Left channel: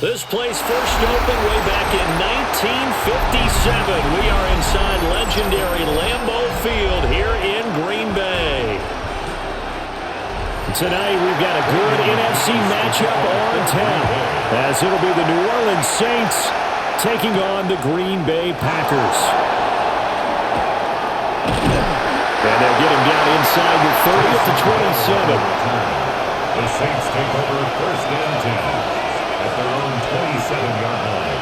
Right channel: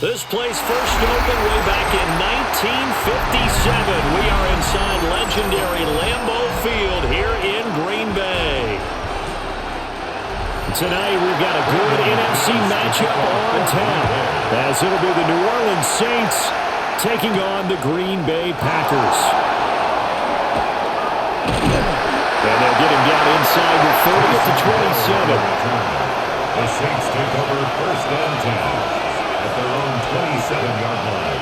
This place first opened way back in 1957. We are inside legendary Lambeau Field here in Green Bay. Tonight we've got a good NFC matchup on tap, as it'll be the New Orleans Saints taking on the Green Bay Packers. And they'll get him down inside the 30 at the 27. The Saints take over first and 10. At their own 27-yard line.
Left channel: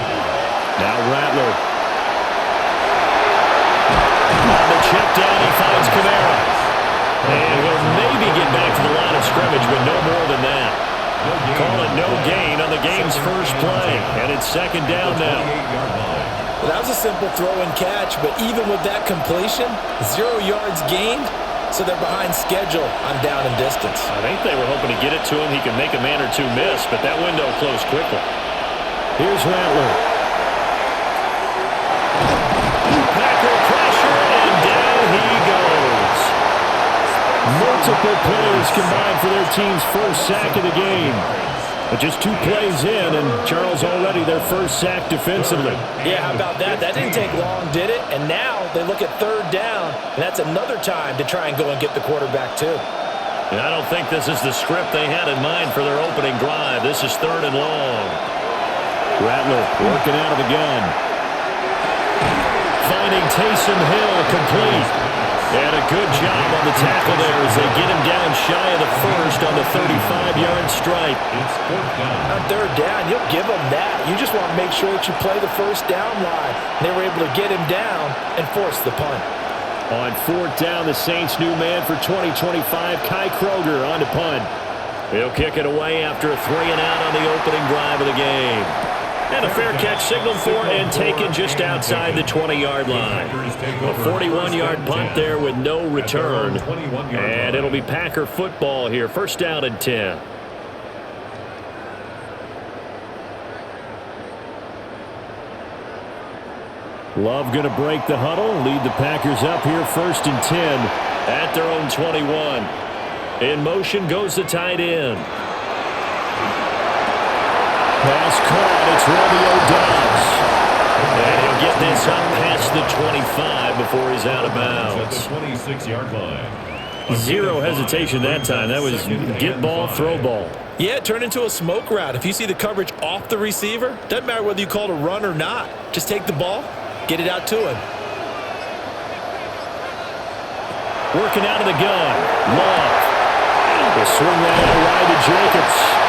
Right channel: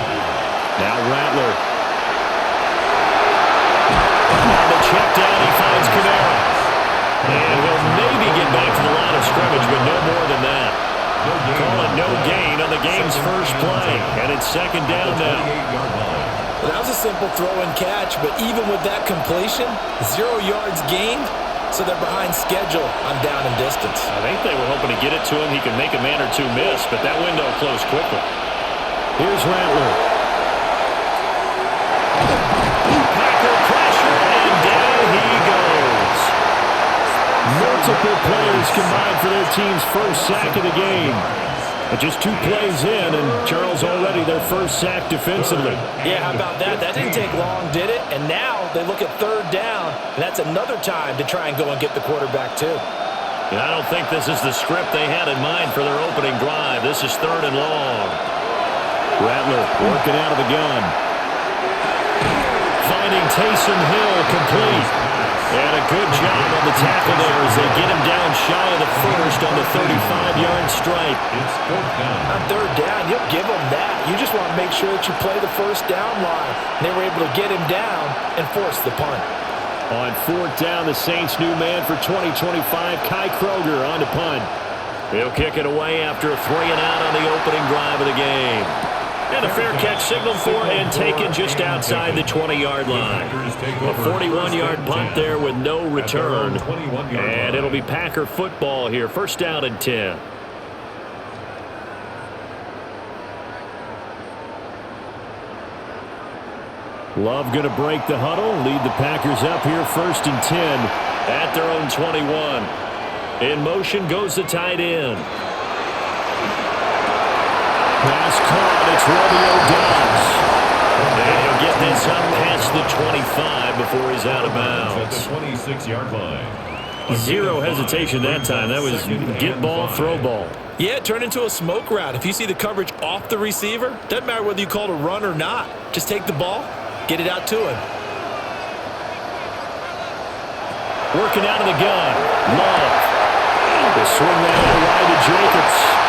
Now Rattler. On the check down, he finds Kamara. And he'll maybe get back to the line of scrimmage, but no more than that. Call it no gain on the game's first play. And it's second down now. Well, that was a simple throw and catch, but even with that completion, 0 yards gained. So they're behind schedule on down and distance. I think they were hoping to get it to him. He could make a man or two miss, but that window closed quickly. Here's Rattler. Packer pressure, and down he goes. Multiple players combined for their team's first sack of the game. But just 2 plays in, and Charles already their first sack defensively. Yeah, how about that? That didn't take long, did it? And now they look at third down, and that's another time to try and go and get the quarterback too. And I don't think this is the script they had in mind for their opening drive. This is third and long. Rattler working out of the gun. Finding Taysom Hill complete. And a good job on the tackle there as they get him down shy of the first on the 35-yard stripe. It's fourth down. On third down, you'll give them that. You just want to make sure that you play the first down line. And they were able to get him down and force the punt. On fourth down, the Saints' new man for 2025, Kai Kroger, on to punt. He'll kick it away after a 3-and-out on the opening drive of the game. And a fair catch signaled for and taken just outside the 20-yard line. A 41-yard punt there with no return. And it'll be Packer football here. First down and 10. Love going to break the huddle, lead the Packers up here first and 10 at their own 21. In motion goes the tight end. Pass caught. It's Romeo Doubs. And he'll get this up past the 25 before he's out of bounds. At the 26-yard line. Zero hesitation that time. That was get ball, throw ball. Yeah, it turned into a smoke route. If you see the coverage off the receiver, doesn't matter whether you call it a run or not. Just take the ball, get it out to him. Working out of the gun. Love. He'll swing that out wide to Jacobs.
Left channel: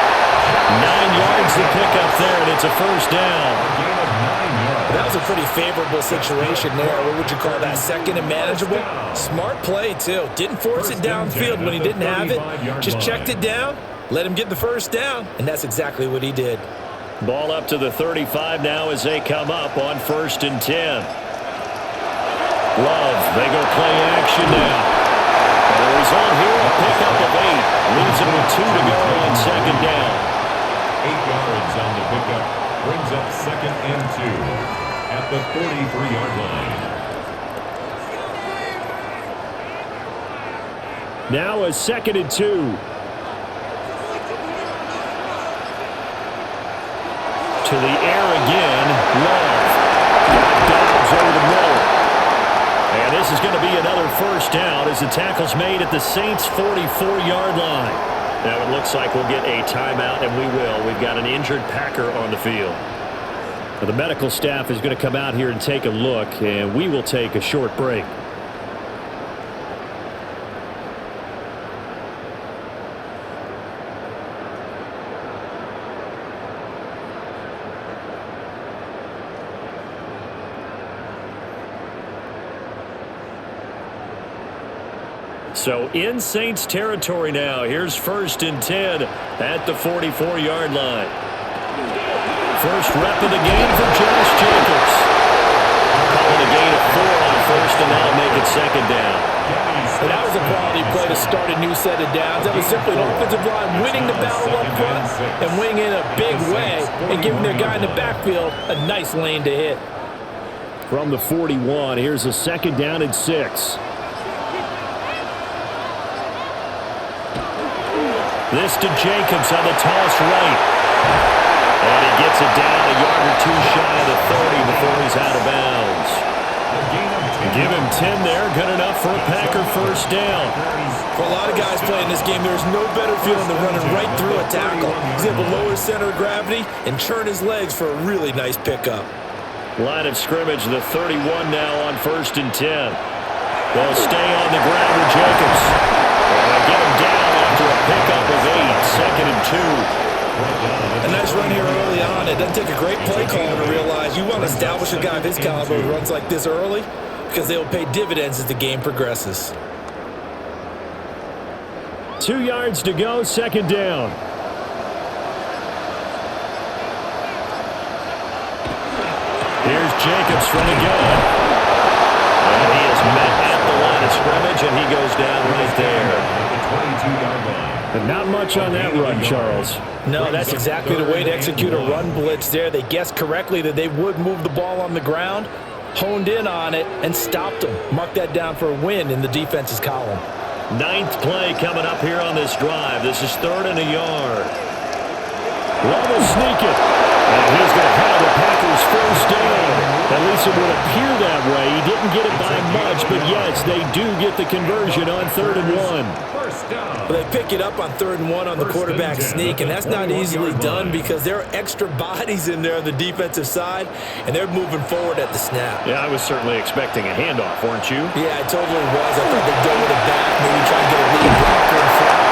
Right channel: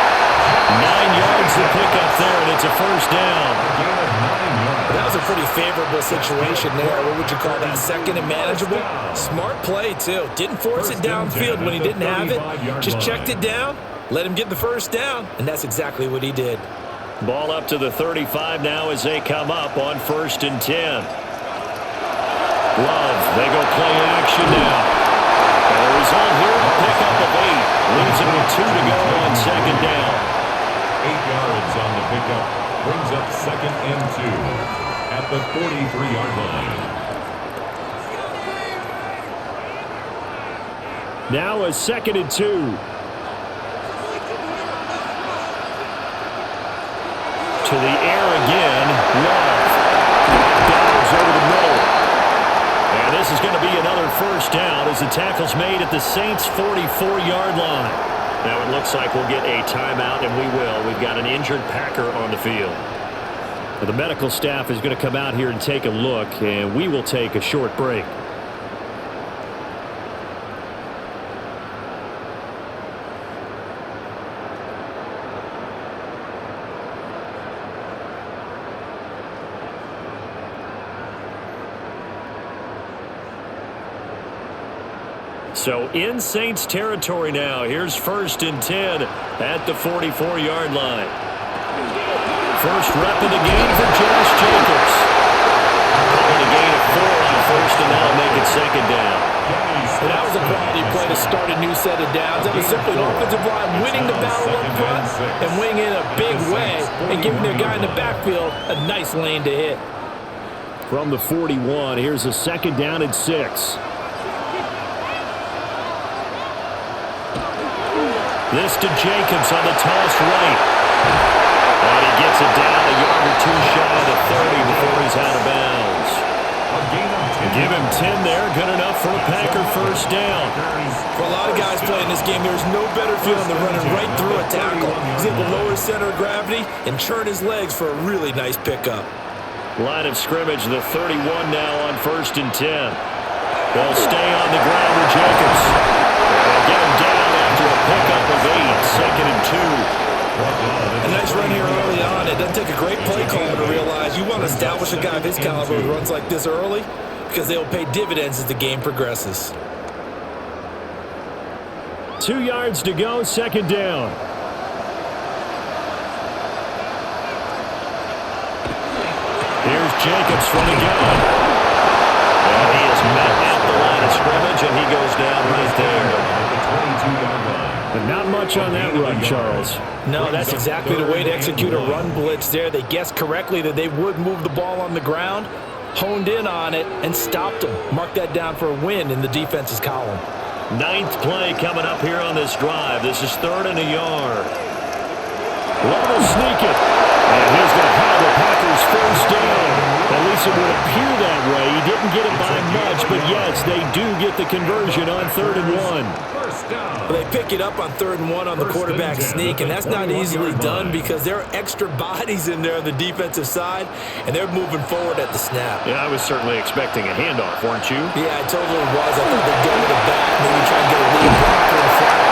9 yards to pick up there, and it's a first down. A gain of 9 yards. That was a pretty favorable situation there. What would you call that? Second and manageable? Smart play, too. Didn't force it downfield when he didn't have it. Just checked it down, let him get the first down, and that's exactly what he did. Ball up to the 35 now as they come up on first and 10. Love, they go play action now. And the result here, a pickup of 8. Leaves them with 2 to go on second down. 8 yards on the pickup. Brings up second and 2 at the 43-yard line. Now a second and 2. To the air again. Love. Got Doubs over the middle. And this is going to be another first down as the tackle's made at the Saints' 44-yard line. Now it looks like we'll get a timeout, and we will. We've got an injured Packer on the field. Now, the medical staff is going to come out here and take a look, and we will take a short break. So in Saints territory now. Here's first and 10 at the 44-yard line. First rep of the game for Josh Jacobs. Calling a gain of 4 on first, and that'll make it second down. And that was a quality play to start a new set of downs. That was simply an offensive line winning the battle up front and winning in a big way and giving their guy in the backfield a nice lane to hit. From the 41, here's a second down and 6. This to Jacobs on the toss right. And he gets it down a yard or two shy of the 30 before he's out of bounds. Give him 10 there. Good enough for a Packer first down. For a lot of guys playing this game, there's no better feeling than running right through a tackle. He's able to lower his center of gravity and churn his legs for a really nice pickup. Line of scrimmage, the 31 now on 1st and 10. They'll stay on the ground with Jacobs. And they'll get him down after a pickup of 8, 2nd and 2. A nice run here early on. It doesn't take a great play caller to realize you want to establish a guy of his caliber who runs like this early because they will pay dividends as the game progresses. 2 yards to go, 2nd down. Here's Jacobs from the gun. And he is met at the line of scrimmage, and he goes down right there. But not much on that run, Charles. No, that's exactly the way to execute a run blitz there. They guessed correctly that they would move the ball on the ground, honed in on it, and stopped them. Mark that down for a win in the defense's column. 9th play coming up here on this drive. This is 3rd and a yard. Love will sneak it. And he's going to have the Packers first down. At least it would appear that way. He didn't get it by much, but yes, they do get the conversion on 3rd and 1. Well, they pick it up on 3rd and 1 on the quarterback sneak, and that's not easily done because there are extra bodies in there on the defensive side, and they're moving forward at the snap. Yeah, I was certainly expecting a handoff, weren't you? Yeah, I totally was. I thought they'd go with it back, maybe try and get a lead blocker in front.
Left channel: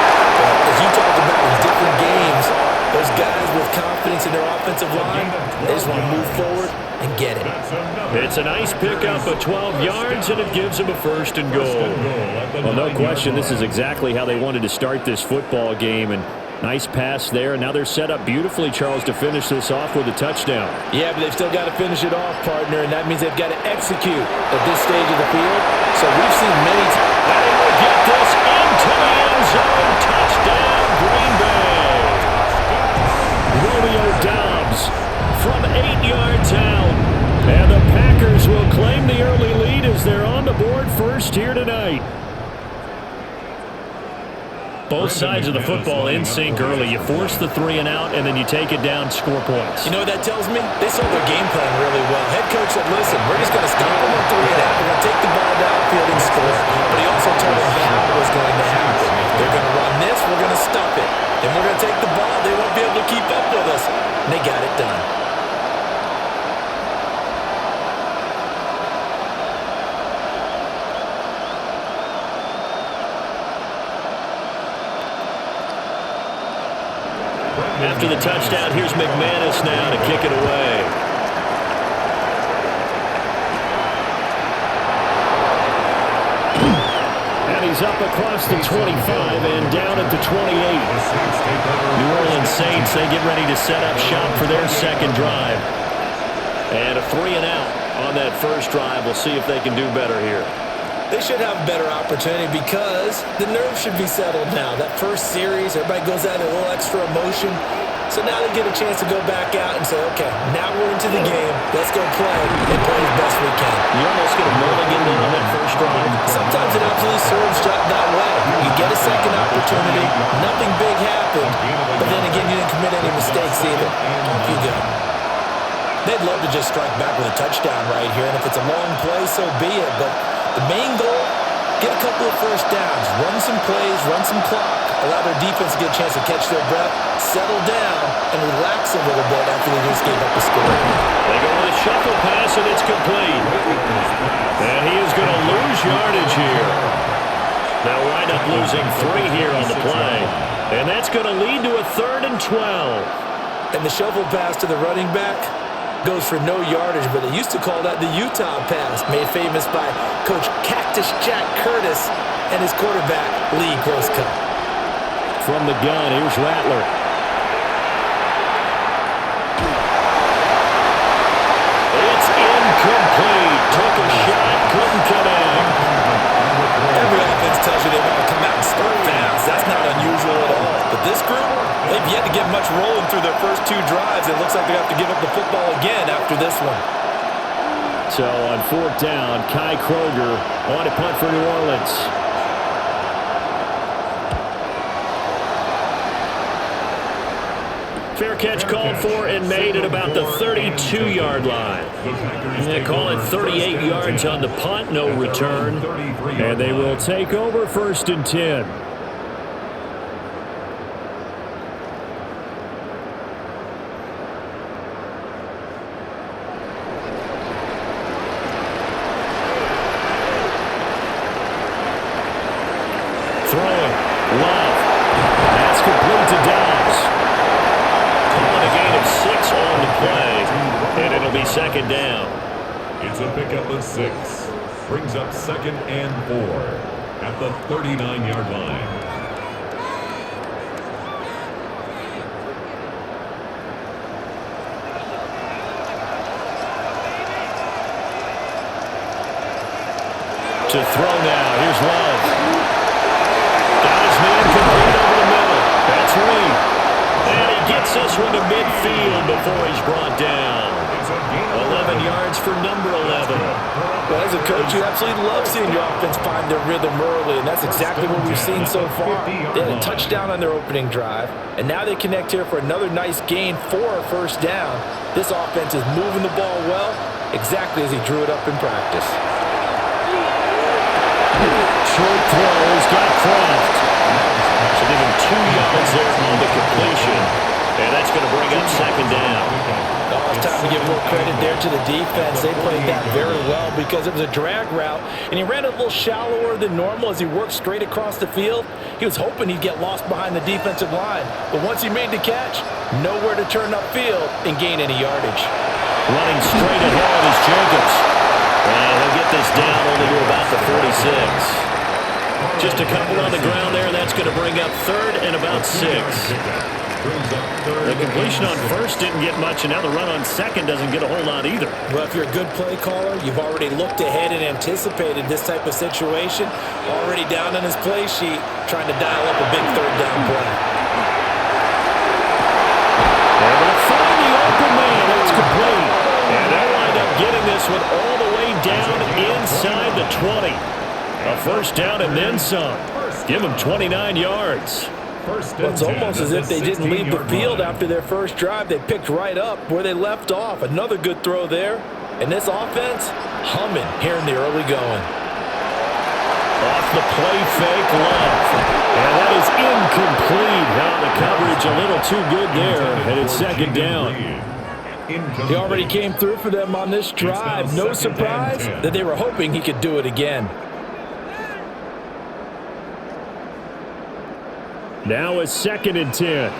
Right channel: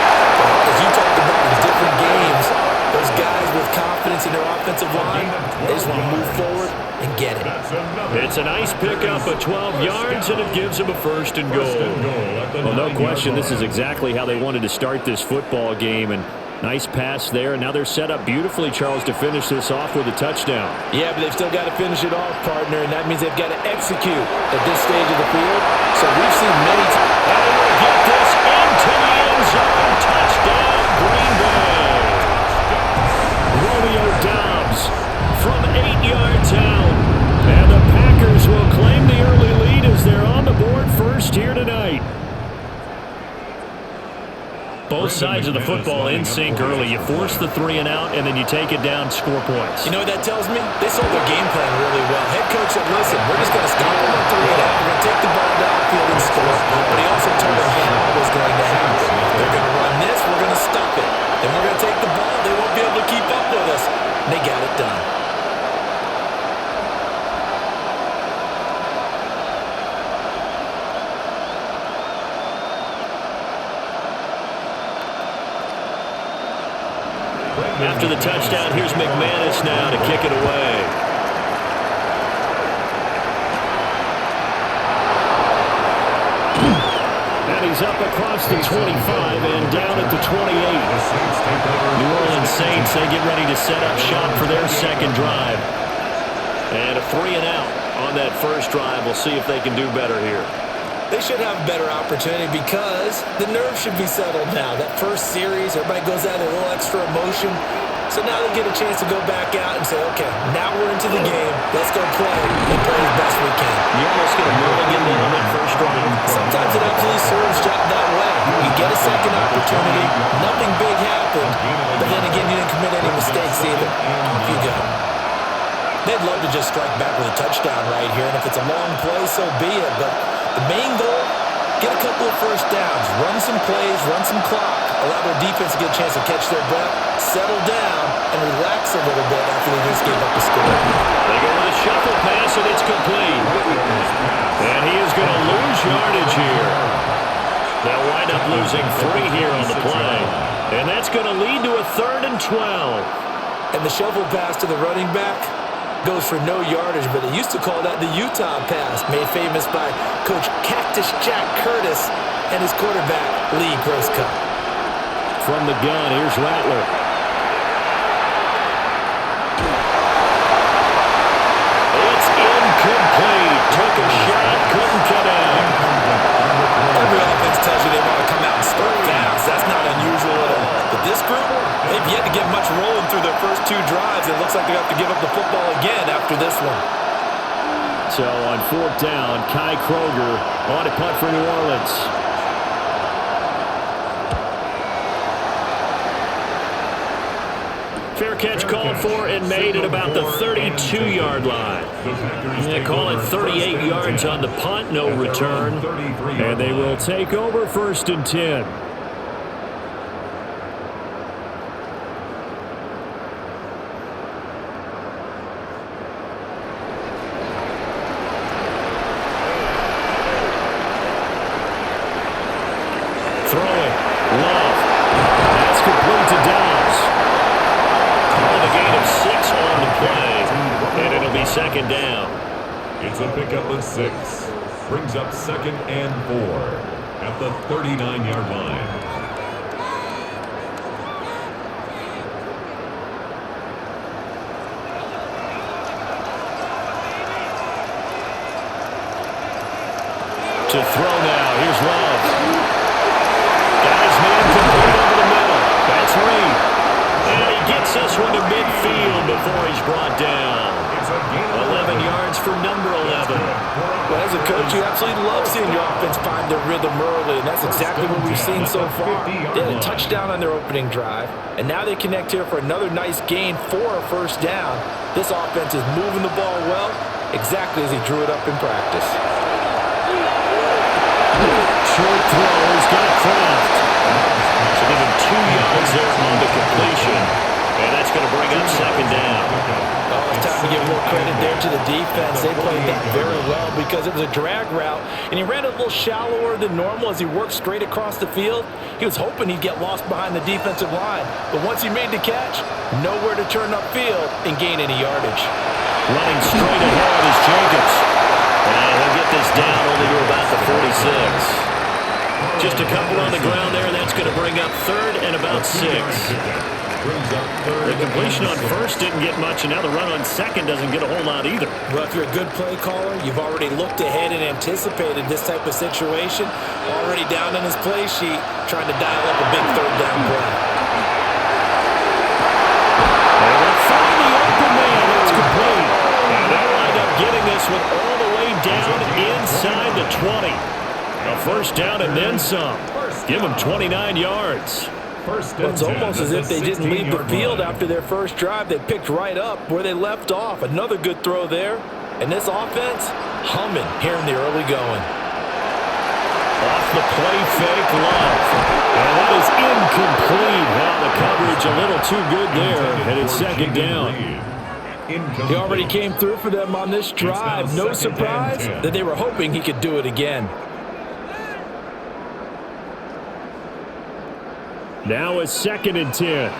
But as you talk about in different games, those guys with confidence in their offensive line, they just want to move forward and get it. It's a nice pickup of 12 yards, and it gives them a 1st and goal. Well, no question, this is exactly how they wanted to start this football game. And nice pass there, and now they're set up beautifully, Charles, to finish this off with a touchdown. Yeah, but they've still got to finish it off, partner, and that means they've got to execute at this stage of the field. So we've seen many times. And he will get this into the end zone. Touchdown, Green Bay. Romeo Doubs from 8 yards out. And the Packers will claim the early lead as they're on the board first here tonight. Both sides of the football in sync early. You force the 3 and out, and then you take it down, score points. You know what that tells me? They sold their game plan really well. Head coach said, listen, we're just going to stop them on 3 and out. We're going to take the ball downfield and score. But he also told them how it was going to happen. They're going to run this. We're going to stop it. Then we're going to take the ball. They won't be able to keep up with us. And they got it done. After the touchdown, here's McManus now to kick it away. And he's up across the 25 and down at the 28. New Orleans Saints, they get ready to set up shop for their second drive. And a 3 and out on that first drive. We'll see if they can do better here. They should have a better opportunity because the nerves should be settled now. That first series, everybody goes out with a little extra emotion. So now they get a chance to go back out and say, okay, now we're into the game. Let's go play and play as best we can. You almost get a mulligan then on that first drive. Sometimes it absolutely serves that way. You get a second opportunity. Nothing big happened. But then again, you didn't commit any mistakes either. Off you go. They'd love to just strike back with a touchdown right here. And if it's a long play, so be it. But the main goal, get a couple of first downs, run some plays, run some clock, allow their defense to get a chance to catch their breath, settle down, and relax a little bit after they just gave up the score. They go with a shuffle pass, and it's complete. And he is going to lose yardage here. They'll wind up losing 3 here on the play. And that's going to lead to a 3rd and 12. And the shuffle pass to the running back goes for no yardage, but they used to call that the Utah pass, made famous by Coach Cactus Jack Curtis and his quarterback, Lee Grosscup. From the gun, here's Rattler. It's incomplete. Took a shot, couldn't connect. Every offense tells you they want to come out and start fast. That's not unusual at all. But this group, they've yet to get much rolling through their first 2 drives. It looks like they're going to have to give up the football again after this one. So on 4th down, Kai Kroger on a punt for New Orleans. Fair catch called for and made at about the 32-yard line. They call it 38 yards on the punt, no return. And they will take over 1st and 10. Throwing. Love. That's complete to Dobbs. Calling a gain of 6 on the play, and it'll be 2nd down. It's a pickup of 6. Brings up 2nd and 4 at the 39-yard line. To throw now. Here's Love. Got his man complete over the middle. That's Reed. And he gets this one to midfield before he's brought down. 11 yards for number 11. Well, as a coach, you absolutely love seeing your offense find their rhythm early, and that's exactly what we've seen so far. They had a touchdown on their opening drive, and now they connect here for another nice gain for a 1st down. This offense is moving the ball well, exactly as he drew it up in practice. Short throw. He's got Kraft. So give him 2 yards there on the completion. And that's going to bring up 2nd down. Oh, it's time to give a little credit there to the defense. They played that very well because it was a drag route, and he ran a little shallower than normal as he worked straight across the field. He was hoping he'd get lost behind the defensive line, but once he made the catch, nowhere to turn upfield and gain any yardage. Running straight ahead is Jacobs. And he'll get this down only to about the 46. Just a couple on the ground there. That's going to bring up 3rd and about 6. The completion on 1st didn't get much, and now the run on 2nd doesn't get a whole lot either. Well, if you're a good play caller, you've already looked ahead and anticipated this type of situation. Already down in his play sheet, trying to dial up a big 3rd down play. Able to find the open man. That's complete. And they'll wind up getting this one all the way down inside the 20. A 1st down and then some. Give them 29 yards. Well, it's almost as if they didn't leave the field after their first drive. They picked right up where they left off. Another good throw there. And this offense, humming here in the early going. Off the play fake, Love. And that is incomplete. Oh, the coverage a little too good there. And it's 2nd down. He already came through for them on this drive. No surprise that they were hoping he could do it again. Now it's 2nd and 10.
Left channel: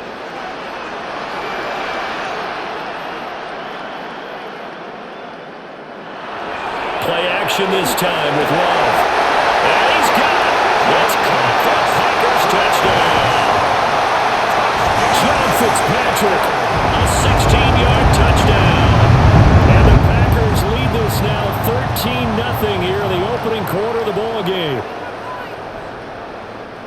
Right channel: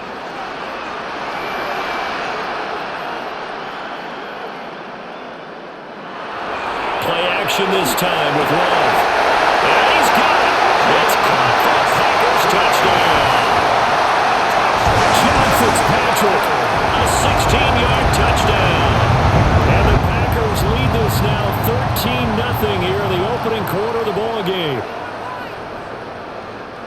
Play action this time with Love. And he's got it. It's caught for a Packers touchdown. John Fitzpatrick, a 16-yard touchdown. And the Packers lead this now 13-0 here in the opening quarter of the ball game.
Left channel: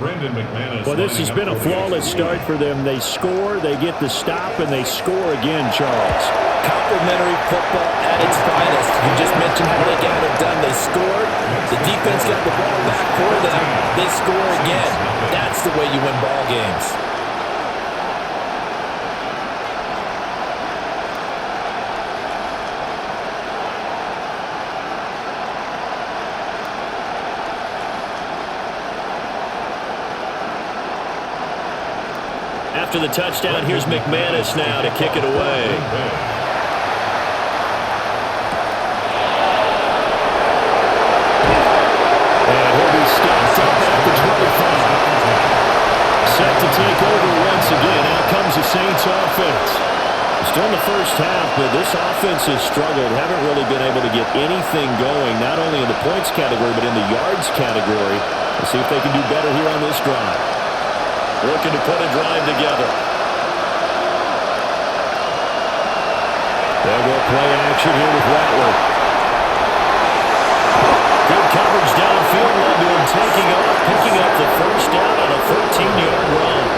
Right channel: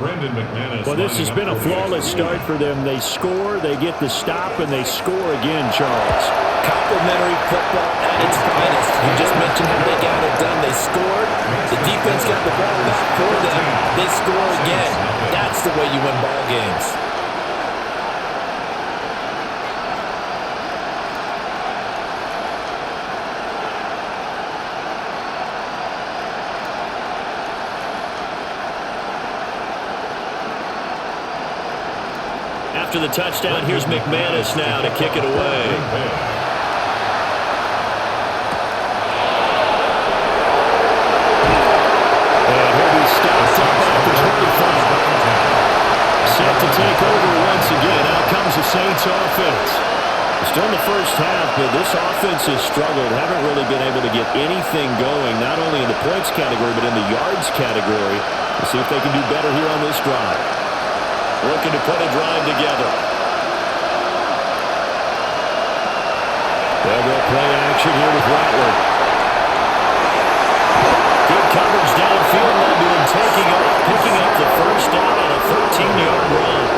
Well, this has been a flawless start for them. They score, they get the stop, and they score again, Charles. Complimentary football at its finest. You just mentioned how they got it done. They scored. The defense got the ball back for them. They score again. That's the way you win ball games. After the touchdown, here's McManus now to kick it away. And he'll be stopped up at the 25. Set to take over once again. Out comes the Saints offense. Still in the first half, but this offense has struggled. Haven't really been able to get anything going, not only in the points category, but in the yards category. We'll see if they can do better here on this drive. Looking to put a drive together. They'll go play action here with Rattler. Good coverage downfield led to him taking off, picking up the 1st down on a 13-yard run.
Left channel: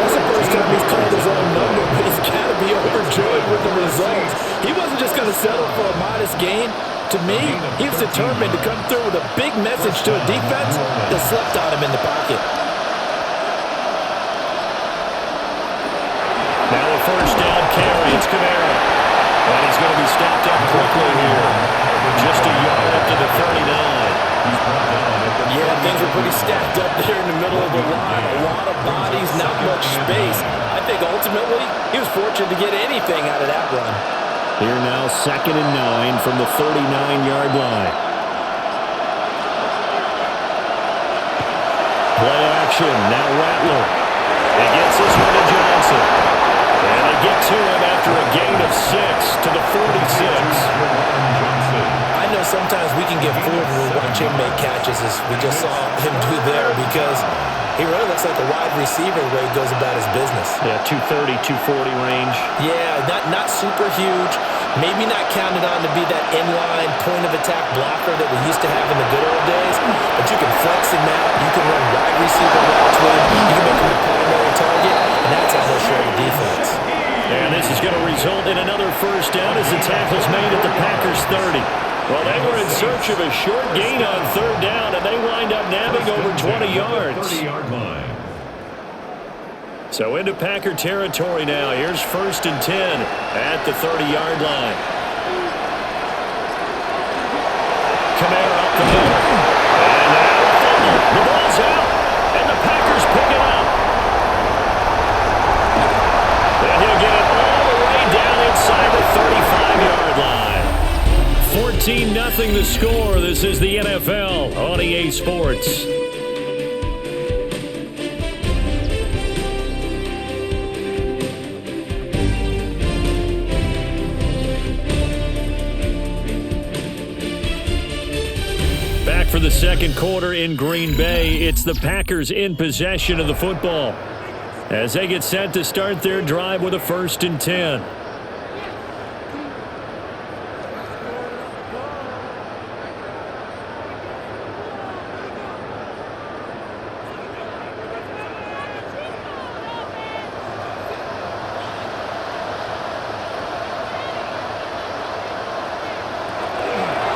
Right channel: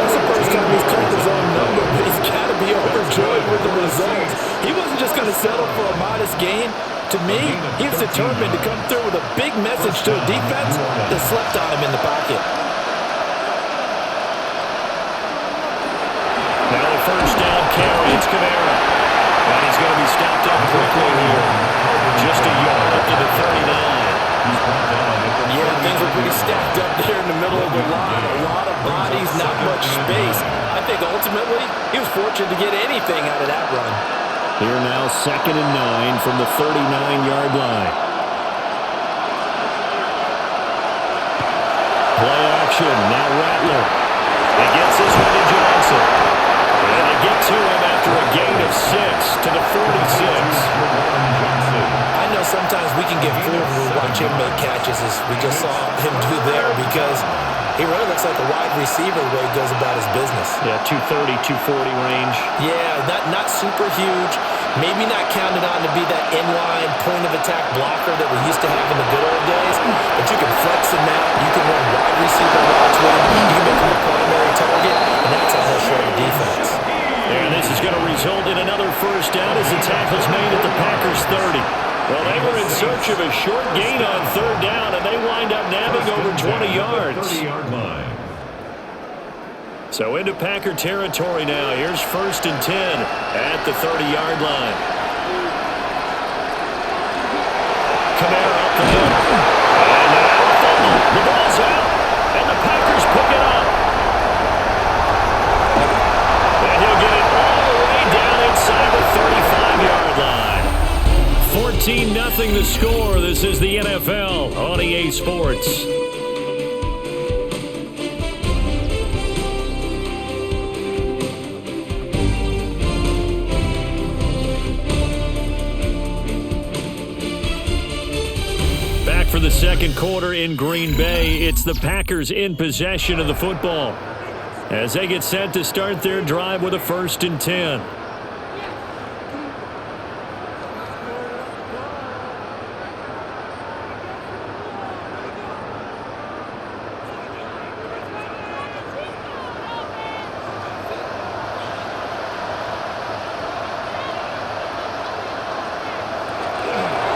That's the first time he's called his own number, but he's got to be overjoyed with the result. He wasn't just going to settle for a modest gain. To me, he was determined to come through with a big message to a defense that slept on him in the pocket. Now a first down carry. It's Kamara. And he's going to be stopped up quickly here. Just a yard up to the 39. Yeah, things were pretty stacked up there in the middle of the line. A lot of bodies, not much space. I think ultimately he was fortunate to get anything out of that run. Here now, 2nd and 9 from the 39-yard line. Play action. Now Rattler. He gets this one to Johnson. And they get to him after a gain of 6 to the 46. I know sometimes we can get fooled when we watch him make catches, as we just saw him do there, because he really looks like a wide receiver the way he goes about his business. Yeah, 230, 240 range. Yeah, not super huge. Maybe not counted on to be that inline point-of-attack blocker that we used to have in the good old days, but you can flex him out. You can run wide receiver routes with him. You can make him a primary target, and that's how he'll shred the defense. And this is going to result in another first down as the tackle's made at the Packers' 30. Well, they were in search of a short gain on 3rd down, and they wind up nabbing over 20 yards. 30-yard line. So into Packer territory now. Here's 1st and 10 at the 30-yard line. Kamara up the middle. And now a fumble. The ball's out, and the Packers pick it up. And he'll get it all the way down inside the 35-yard line. 14-0 the score. This is the NFL on EA Sports. Back for the second quarter in Green Bay. It's the Packers in possession of the football as they get set to start their drive with a 1st and 10.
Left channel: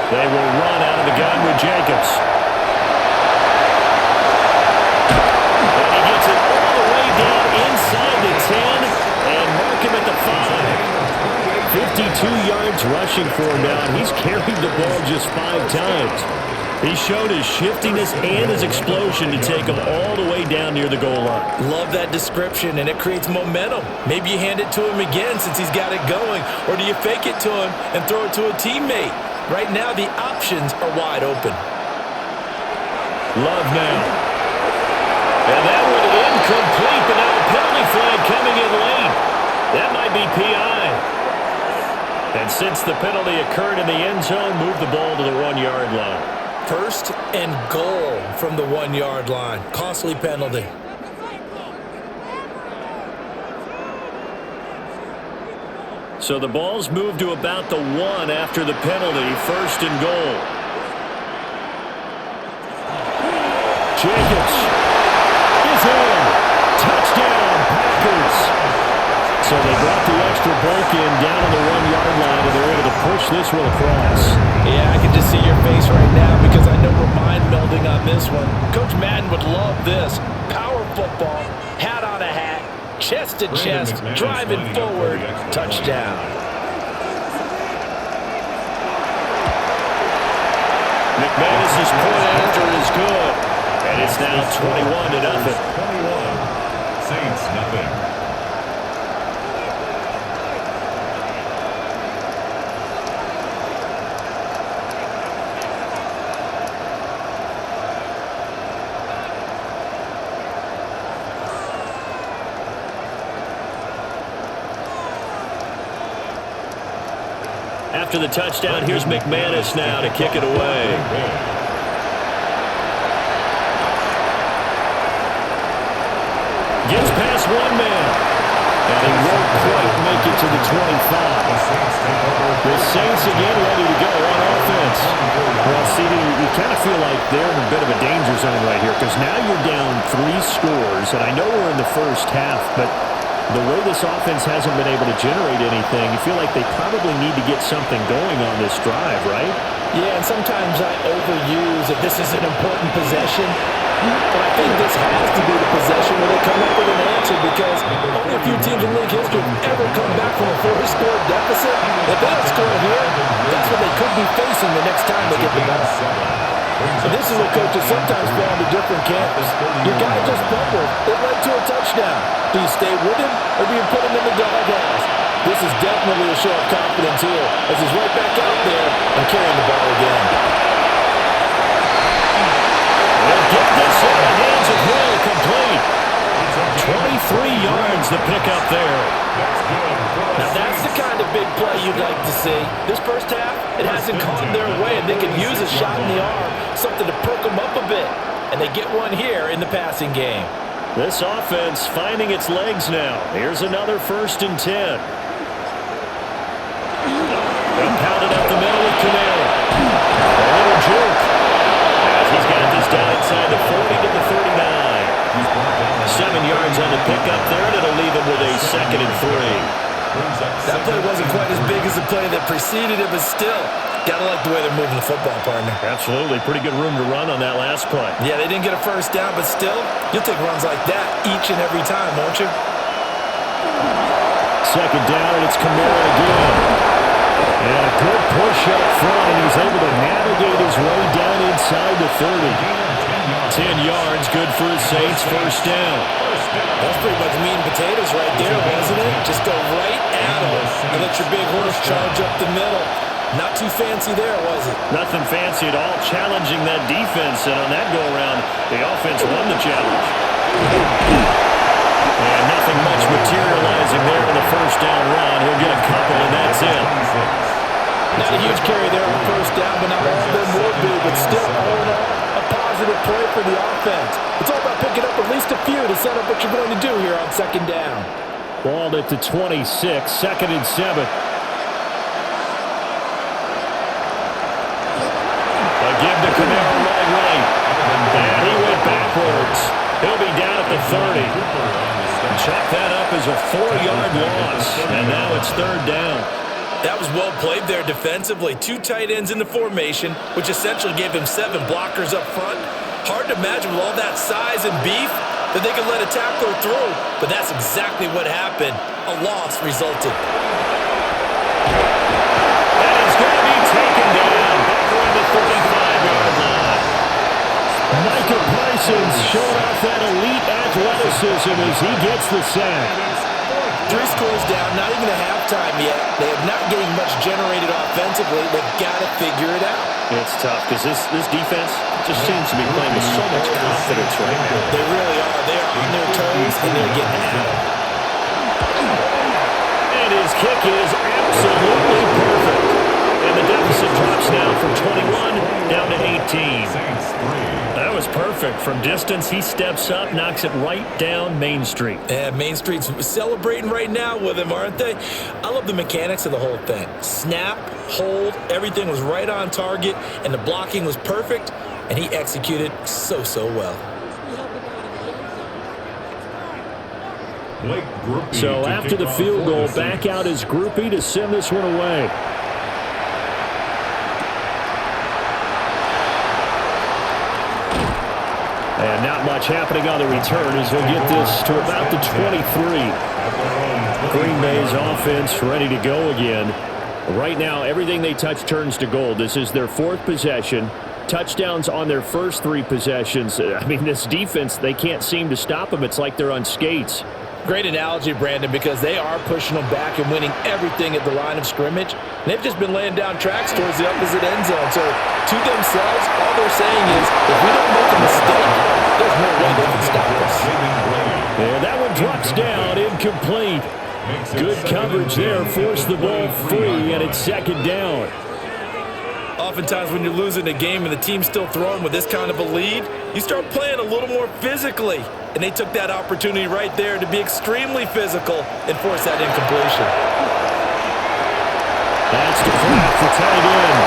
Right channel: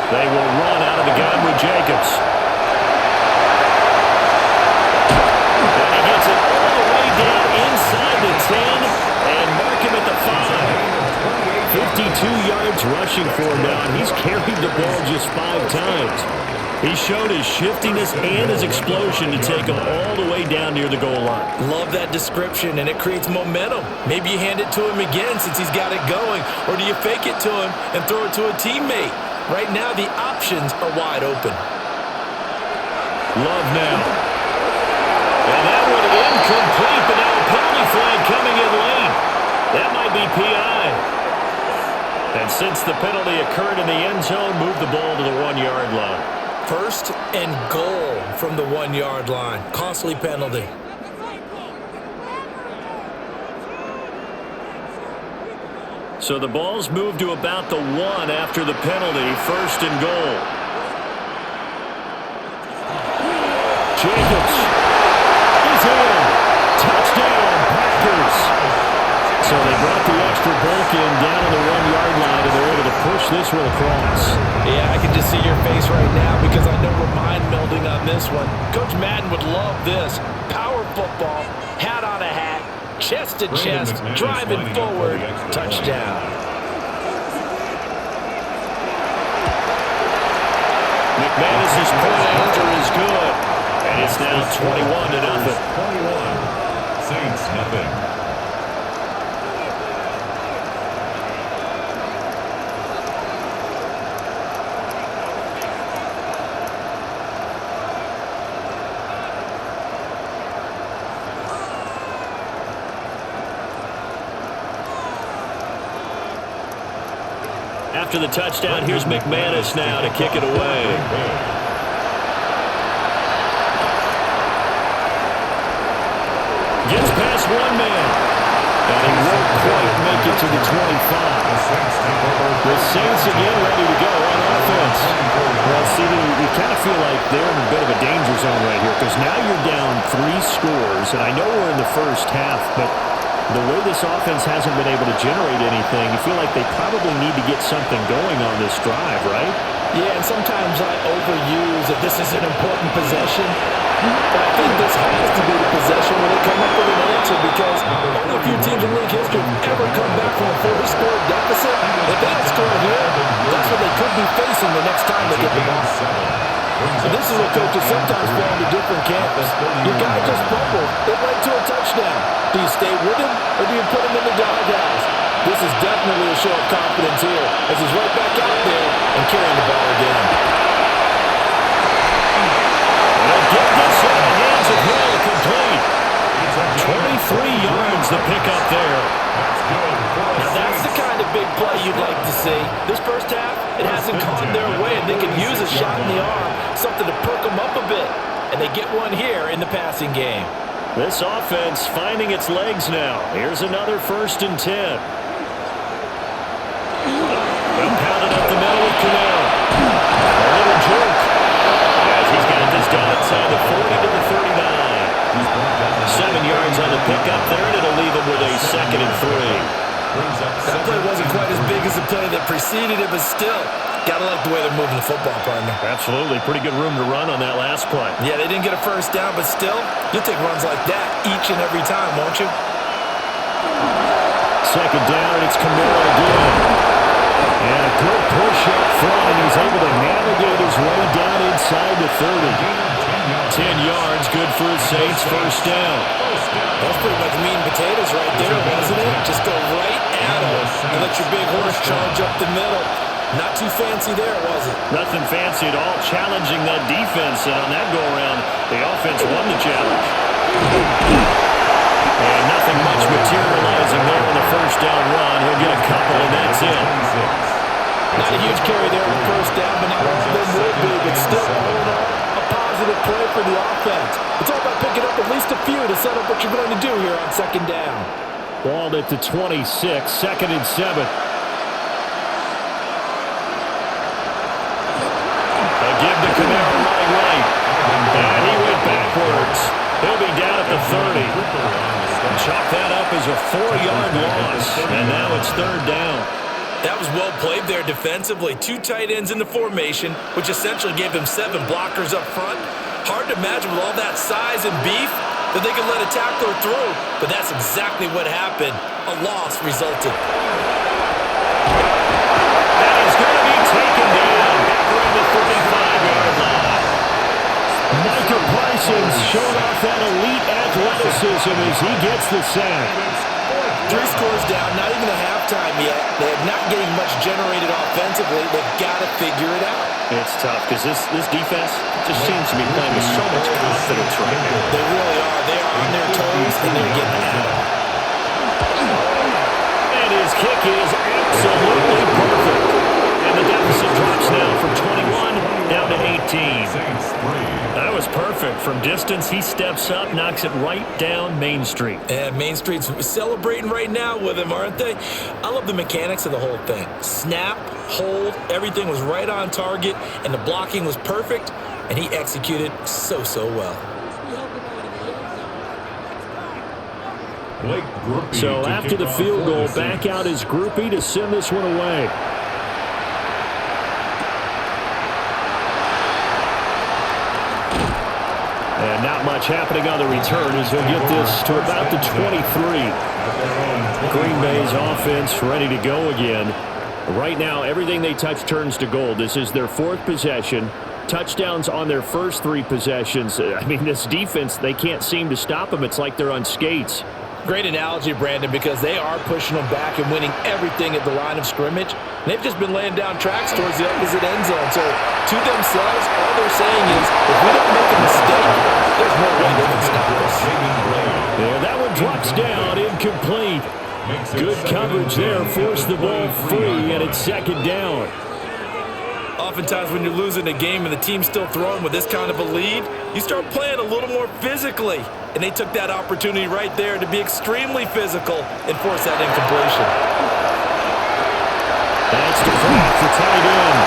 They will run out of the gun with Jacobs. And he gets it all the way down inside the 10 and mark him at the 5. 52 yards rushing for him now, and he's carried the ball just 5 times. He showed his shiftiness and his explosion to take him all the way down near the goal line. Love that description, and it creates momentum. Maybe you hand it to him again since he's got it going, or do you fake it to him and throw it to a teammate? Right now, the options are wide open. Love now. And that one incomplete, but now a penalty flag coming in late. That might be PI. And since the penalty occurred in the end zone, move the ball to the 1-yard line. 1st and goal from the 1-yard line. Costly penalty. So the ball's moved to about the 1 after the penalty. 1st and goal. Jacobs is in. Touchdown, Packers. So they brought the extra bulk in down on the 1-yard line, and they're able to push this one across. Yeah, I can just see your face right now because I know we're mind melding on this one. Coach Madden would love this. Power football, hat on a hat, chest to chest, driving forward, touchdown. McManus's point after is good, and it's now 21-0. 21. Saints nothing. After the touchdown, here's McManus now to kick it away. Gets past one man, and he won't quite make it to the 25. The Saints again ready to go on offense. Well, CD, you kind of feel like they're in a bit of a danger zone right here because now you're down 3 scores, and I know we're in the first half, but the way this offense hasn't been able to generate anything, you feel like they probably need to get something going on this drive, right? Yeah, and sometimes I overuse that this is an important possession. But I think this has to be the possession where they come up with an answer because only a few teams in league history have ever come back from a 4-score deficit. If they don't score here, that's what they could be facing the next time they get the ball. And this is where coaches sometimes fall into different camps. Your guy just fumbled. It led to a touchdown. Do you stay with him or do you put him in the doghouse? This is definitely a show of confidence here as he's right back out there and carrying the ball again. They'll get this into the hands of Hill, complete. 23 yards the pickup there. Now that's the kind of big play you'd like to see. This first half, it hasn't gone their way, and they could use a shot in the arm, something to perk them up a bit. And they get one here in the passing game. This offense finding its legs now. Here's another 1st and 10. They'll pound it up the middle with Kamara. A little juke as he's got this down inside the 40 to the 39. 7 yards on the pickup there, and it'll leave him with a 2nd and 3. That play wasn't quite as big as the play that preceded it, but still, gotta like the way they're moving the football, partner. Absolutely. Pretty good room to run on that last play. Yeah, they didn't get a first down, but still, you'll take runs like that each and every time, won't you? 2nd down, and it's Kamara again. And a good push up front, and he's able to navigate his way down inside the 30. 10 yards, good for his Saints, 1st down. That's pretty much meat and potatoes right there, wasn't it? Just go right at him and let your big horse charge up the middle. Not too fancy there, was it? Nothing fancy at all, challenging that defense, and on that go-around, the offense won the challenge. And nothing much materializing there on the 1st down run. He'll get a couple, and that's it. Not a huge carry there on 1st down, but not all of them will be. But still, all in all, a positive play for the offense. It's all about picking up at least a few to set up what you're going to do here on 2nd down. Balled at the 26, 2nd and 7. A give to Kamara running right. And he went backwards. He'll be down at the 30. Chalk that up as a 4-yard loss. And now it's 3rd down. That was well played there defensively. 2 tight ends in the formation, which essentially gave them 7 blockers up front. Hard to imagine with all that size and beef that they could let a tackler through, but that's exactly what happened. A loss resulted. And he's going to be taken down back around the 35-yard line. Micah Parsons showing off that elite athleticism as he gets the sack. 3 scores down, not even a halftime yet. They are not getting much generated offensively. They've got to figure it out. It's tough because this defense just seems to be playing with so much confidence right now. They really are. They are on their toes, and they're getting at them. And his kick is absolutely perfect. And the deficit drops now from 21 down to 18. That was perfect. From distance, he steps up, knocks it right down Main Street. Yeah, Main Street's celebrating right now with him, aren't they? I love the mechanics of the whole thing. Snap, hold, everything was right on target, and the blocking was perfect, and he executed so well. So after the field goal, back out is Groupie to send this one away. And not much happening on the return as he'll get this to about the 23. Green Bay's offense ready to go again. Right now, everything they touch turns to gold. This is their 4th possession. Touchdowns on their first 3 possessions. I mean, this defense, they can't seem to stop them. It's like they're on skates. Great analogy, Brandon, because they are pushing them back and winning everything at the line of scrimmage. And they've just been laying down tracks towards the opposite end zone. So to themselves, all they're saying is, if we don't make a mistake, there's no way they can stop us. Yeah, that one drops down, incomplete. Good coverage there, forced the ball free, and it's 2nd down. Oftentimes when you're losing a game and the team's still throwing with this kind of a lead, you start playing a little more physically. And they took that opportunity right there to be extremely physical and force that incompletion. That's to Kraft, the tight end.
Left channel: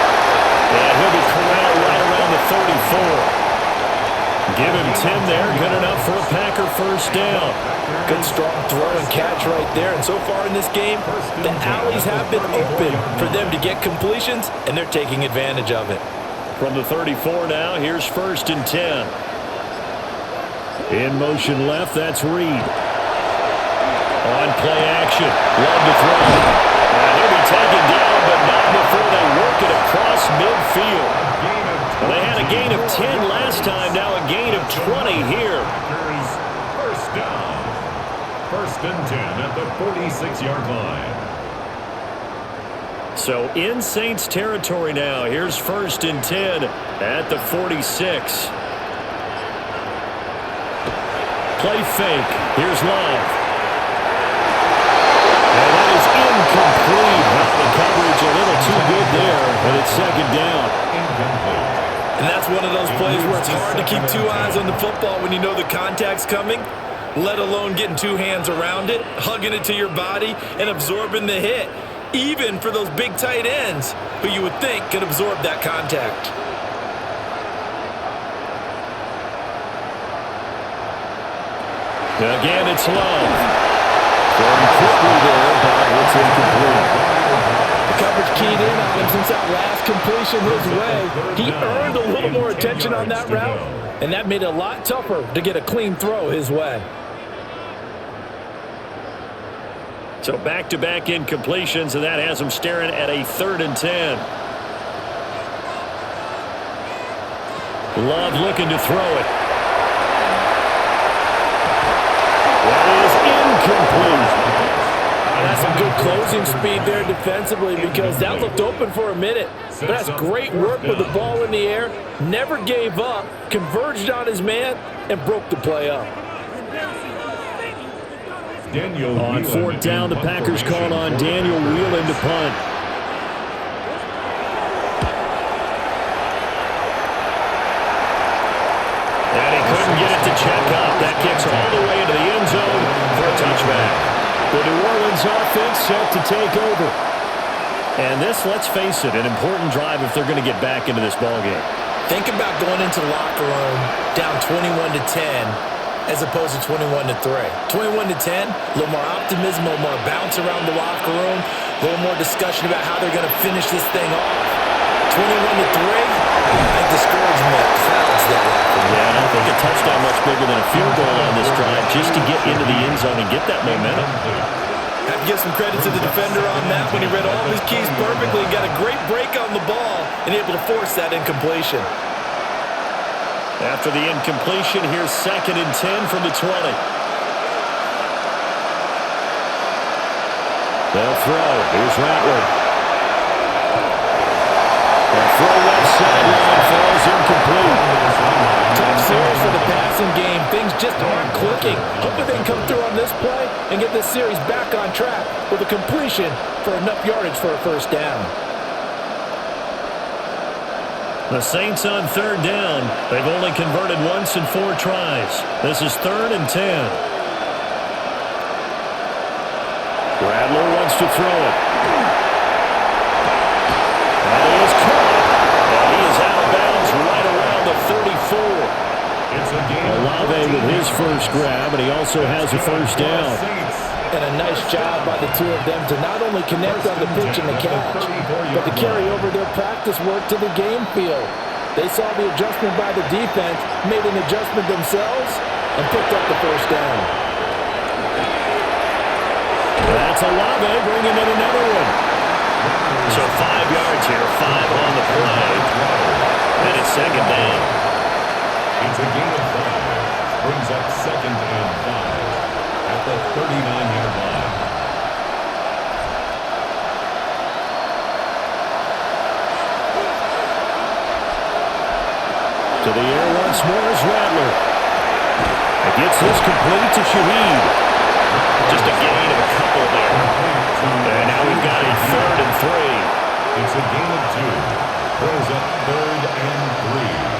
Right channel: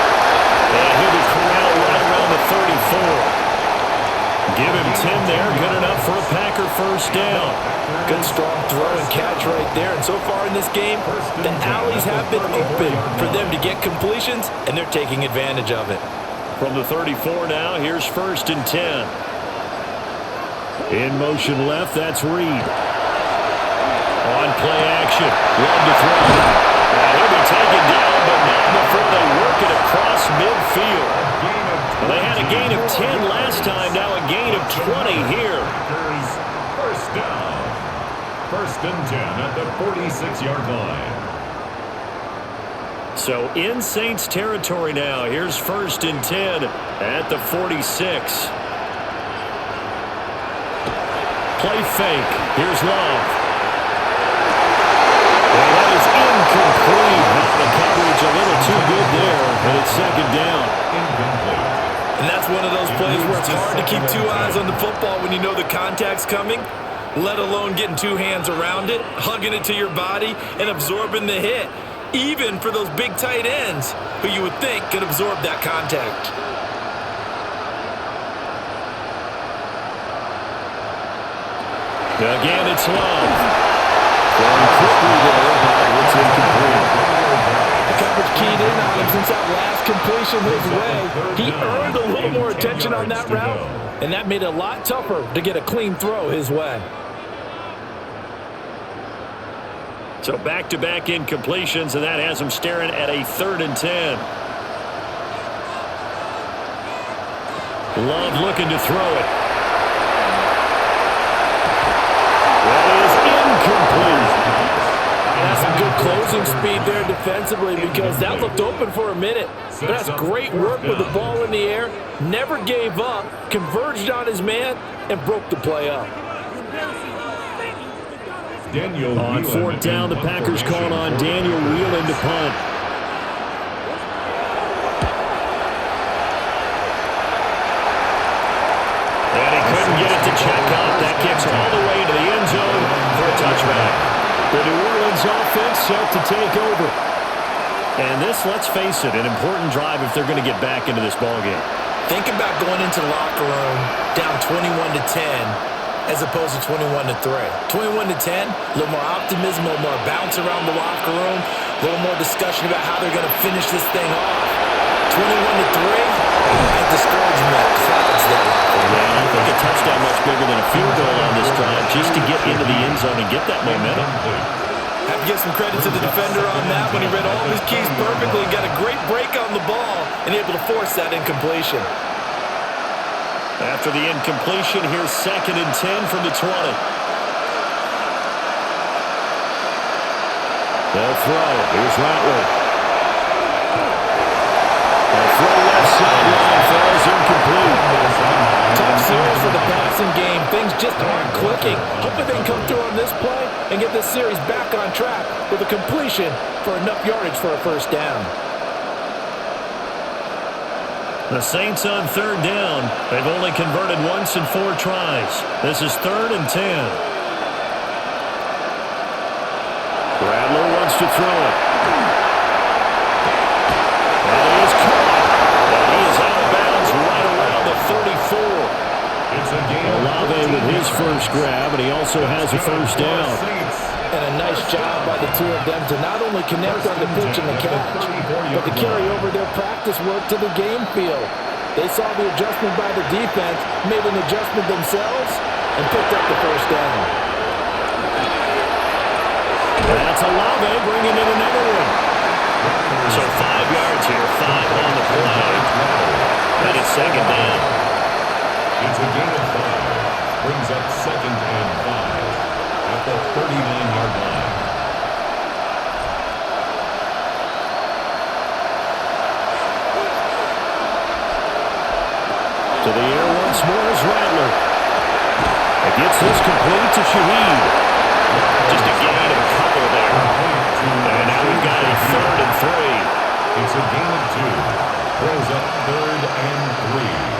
And he'll be corralled right around the 34. Give him 10 there, good enough for a Packer 1st down. Good strong throw and catch right there. And so far in this game, the alleys have been open for them to get completions, and they're taking advantage of it. From the 34 now, here's 1st and 10. In motion left, that's Reed. On play action, Love to throw. And he'll be taken down, but not before they work it across midfield. Well, they had a gain of 10 last time, now a gain of 20 here. First down. First and 10 at the 46-yard line. So in Saints territory now. Here's first and 10 at the 46. Play fake. Here's Love. And that is incomplete. Now the coverage a little too good there, and it's second down. Incomplete. And that's one of those plays where it's hard to keep two eyes on the football when you know the contact's coming, let alone getting two hands around it, hugging it to your body, and absorbing the hit, even for those big tight ends who you would think could absorb that contact. Again, it's Love. Throwing quickly there, but it's incomplete. The coverage keyed in on him since that last completion his way. He earned a little more attention on that route, and that made it a lot tougher to get a clean throw his way. So back-to-back incompletions, and that has him staring at a 3rd and 10. Love looking to throw it. That is incomplete. That's some good closing speed there defensively because that looked open for a minute. But that's great work with the ball in the air. Never gave up, converged on his man, and broke the play up. On 4th down, the Packers call on Daniel Whelan to punt. And he couldn't get it to check up. That kicks all the way into the end zone for a touchback. The New Orleans offense set to take over. And this, let's face it, an important drive if they're going to get back into this ballgame. Think about going into the locker room down 21-10 as opposed to 21-3. 21-10, a little more optimism, a little more bounce around the locker room, a little more discussion about how they're going to finish this thing off. 21-3, I think discouragement clouds that locker room. Yeah, and I think a touchdown much bigger than a field goal on this drive just to get into the end zone and get that momentum. Have to give some credit to the defender on that when he read all of his keys perfectly and got a great break on the ball and able to force that incompletion. After the incompletion, here's 2nd and 10 from the 20. They'll throw. Here's Rattler. The throw left sideline falls incomplete. Tough series for the passing game. Things just aren't clicking. Hopefully they can come through on this play and get this series back on track with a completion for enough yardage for a first down. The Saints on 3rd down. They've only converted once in 4 tries. This is 3rd and 10. Rattler wants to throw it. And he is caught. And he is out of bounds right around the 34. It's a gain. Olave with his first grab, and he also has a first down. And a nice job by the two of them to not only connect on the pitch and the catch, but to carry over their practice work to the game field. They saw the adjustment by the defense, made an adjustment themselves, and picked up the first down. That's Olave bringing in another one. So 5 yards here, 5 on the play, and it's 2nd down. It's a gain of 5. Brings up 2nd and 5 at the 39-yard line. To the air once more is Rattler. He gets this complete to Shaheed. Just a gain of a couple there. And now we've got a 3rd and 3. It's a gain of 2. Brings up 3rd and 3.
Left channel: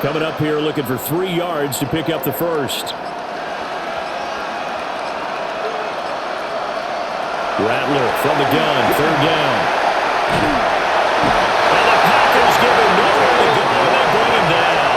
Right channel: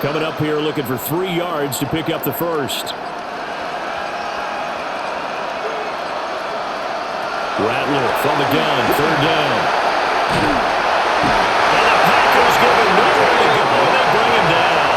Coming up here looking for 3 yards to pick up the first. Rattler from the gun, 3rd down. Now the Packers give him nowhere to go, and they bring him down.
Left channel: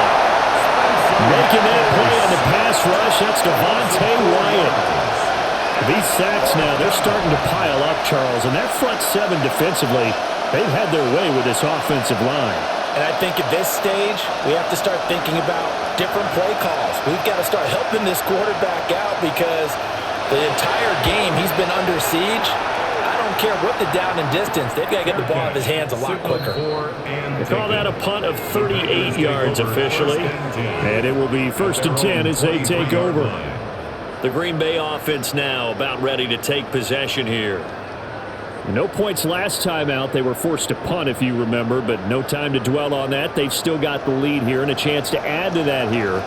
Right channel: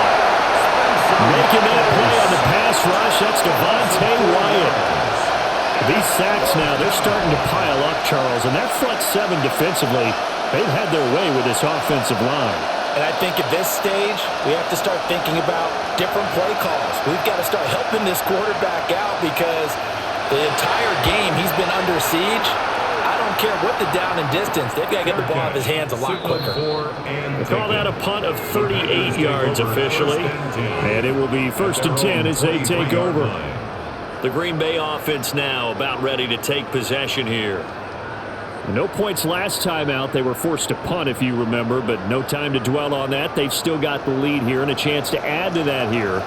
Making that play on the pass rush, that's Devontae Wyatt. These sacks now, they're starting to pile up, Charles, and that front 7 defensively, They've had their way with this offensive line. And I think at this stage, we have to start thinking about different play calls. We've got to start helping this quarterback out because the entire game he's been under siege. I don't care what the down and distance. They've got to get the ball out of his hands a lot quicker. They call that a punt of 38 yards officially. And it will be 1st and 10 as they take over. The Green Bay offense now about ready to take possession here. No points last time out. They were forced to punt, if you remember, but no time to dwell on that. They've still got the lead here and a chance to add to that here.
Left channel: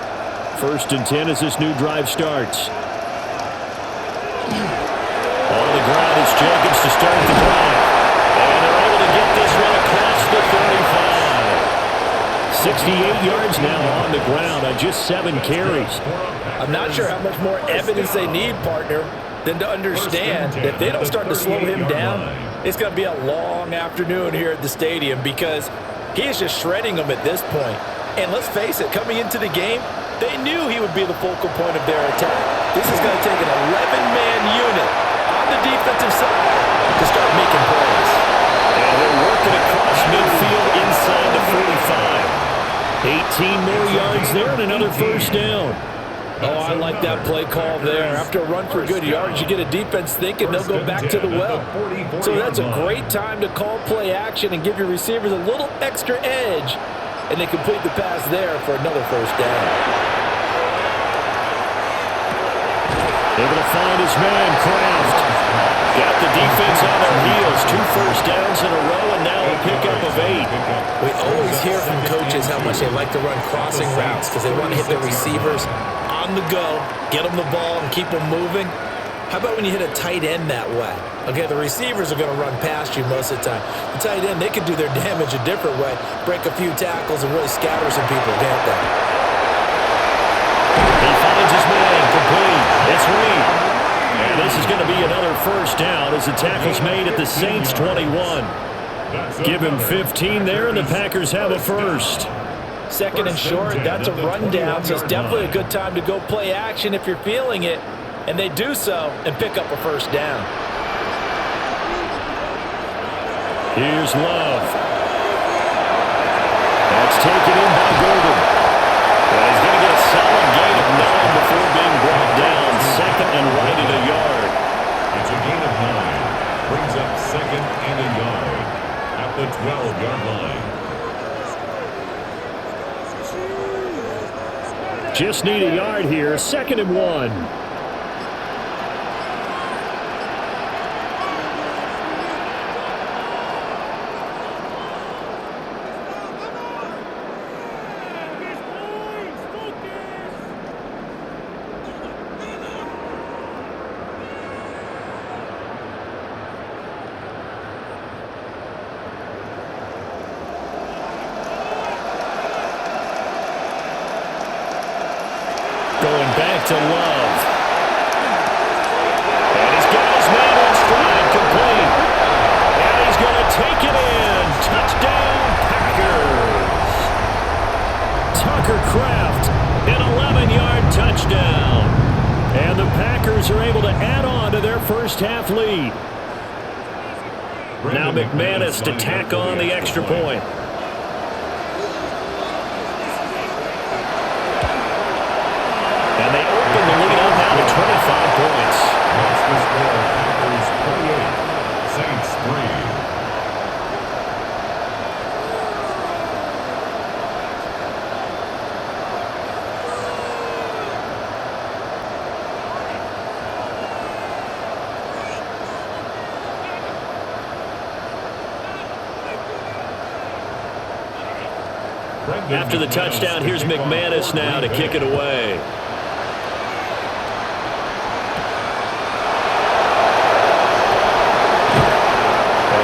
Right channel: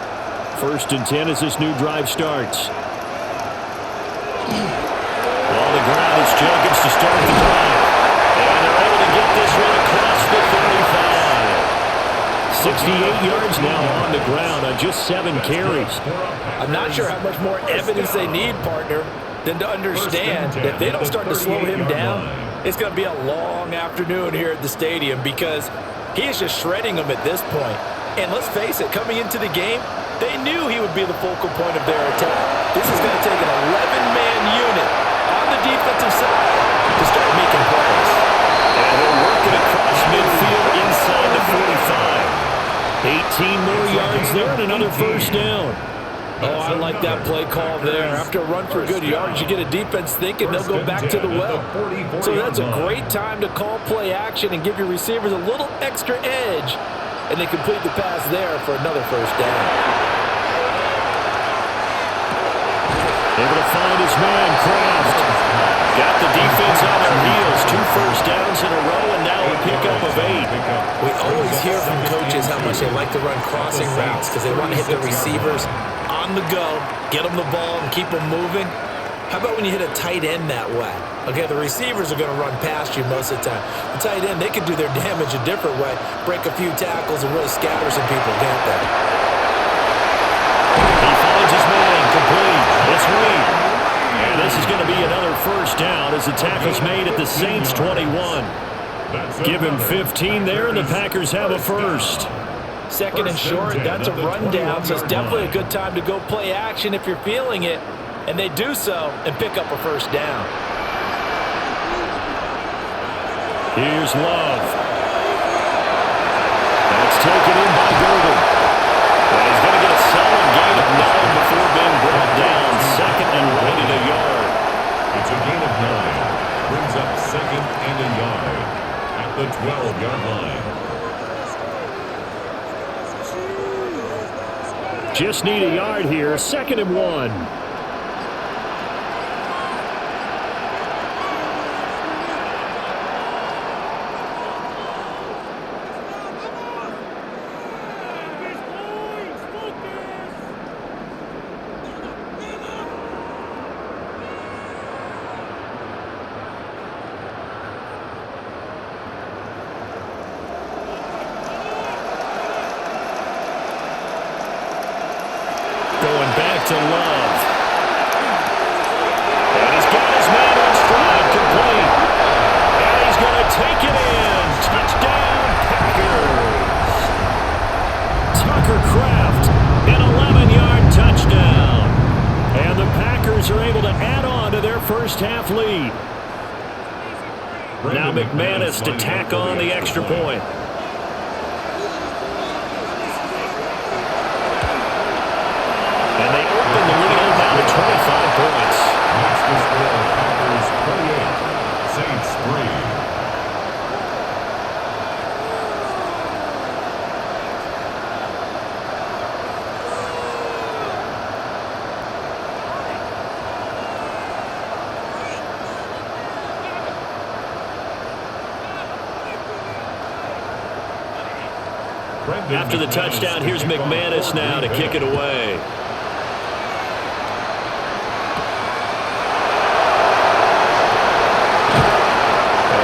1st and 10 as this new drive starts. On the ground, it's Jacobs to start the drive. And they're able to get this one across the 35. 68 yards now on the ground on just 7 carries. I'm not sure how much more evidence they need, partner, than to understand that if they don't start to slow him down, it's going to be a long afternoon here at the stadium because he is just shredding them at this point. And let's face it, coming into the game, they knew he would be the focal point of their attack. This is going to take an 11-man unit on the defensive side to start making plays. And he'll work it across midfield inside the 45. 18 more yards there and another 1st down. Oh, I like that play call there. After a run for good yards, you get a defense thinking they'll go back to the well. So that's a great time to call play action and give your receivers a little extra edge. And they complete the pass there for another 1st down. Able to find his man, Kraft. Got the defense on their heels. 2 first downs in a row and now a pickup of 8. We always hear from coaches how much they like to run crossing routes because they want to hit their receivers on the go, get them the ball, and keep them moving. How about when you hit a tight end that way? Okay, the receivers are going to run past you most of the time. The tight end, they can do their damage a different way, break a few tackles, and really scatter some people, can't they? He finds his man, complete. It's Reed. And this is going to be another 1st down as the tackle's made at the Saints' 21. Give him 15 there, and the Packers have a 1st. 2nd and short, that's a rundown, so it's definitely a good time to go play action if you're feeling it. And they do so and pick up a 1st down. Here's Love. That's taken in by Golden. And he's going to get a solid gain of 9 before being brought down. 2nd and right at a yard. It's a gain of 9. Brings up 2nd and a yard at the 12-yard line. Just need a yard here. 2nd and 1. Going back to Love. And he's got his man in stride, complete. And he's going to take it in. Touchdown, Packers. Tucker Kraft, an 11-yard touchdown. And the Packers are able to add on to their 1st half lead. Now McManus to tack on the extra point. And they open the lead up now to 25 points. Makes the score Packers 28, Saints 3. After the touchdown, here's McManus now to kick it away.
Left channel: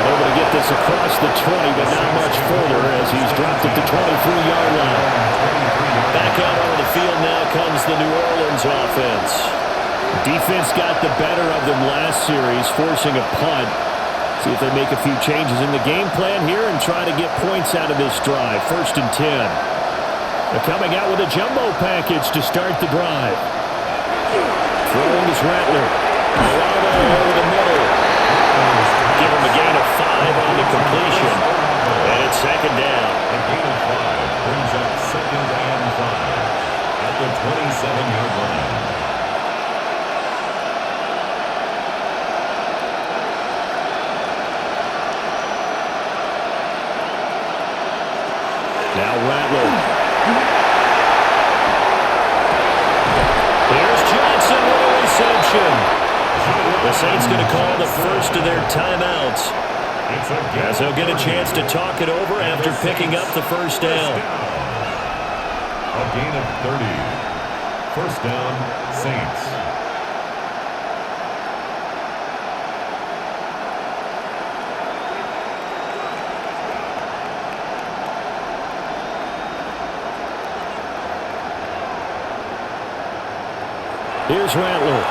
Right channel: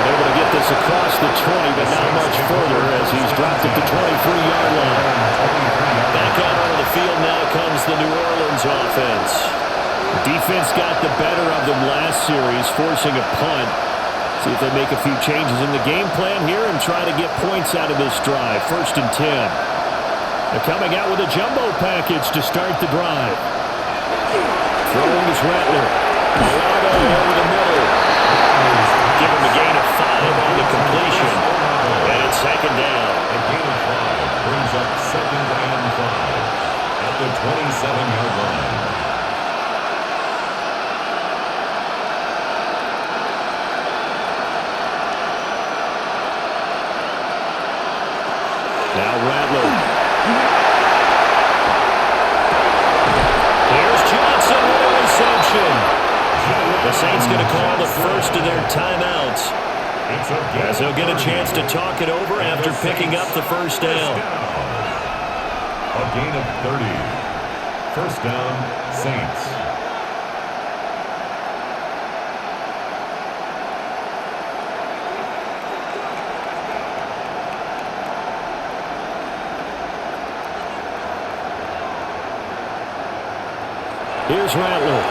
Able to get this across the 20, but not much further as he's dropped it to 23-yard line. Back out onto the field now comes the New Orleans offense. Defense got the better of them last series, forcing a punt. See if they make a few changes in the game plan here and try to get points out of this drive. 1st and 10. They're coming out with a jumbo package to start the drive. Throwing is Rattler. Olave over the middle. give him a gain of 5 on the completion. And it's second down. A gain of 5 brings up second and 5 at the 27-yard line. Now Rattler. Here's Johnson with a reception. The Saints going to call the first of their timeouts, as they'll get a chance to talk it over after picking up the first down. A gain of 30. First down, Saints. Here's Rattler.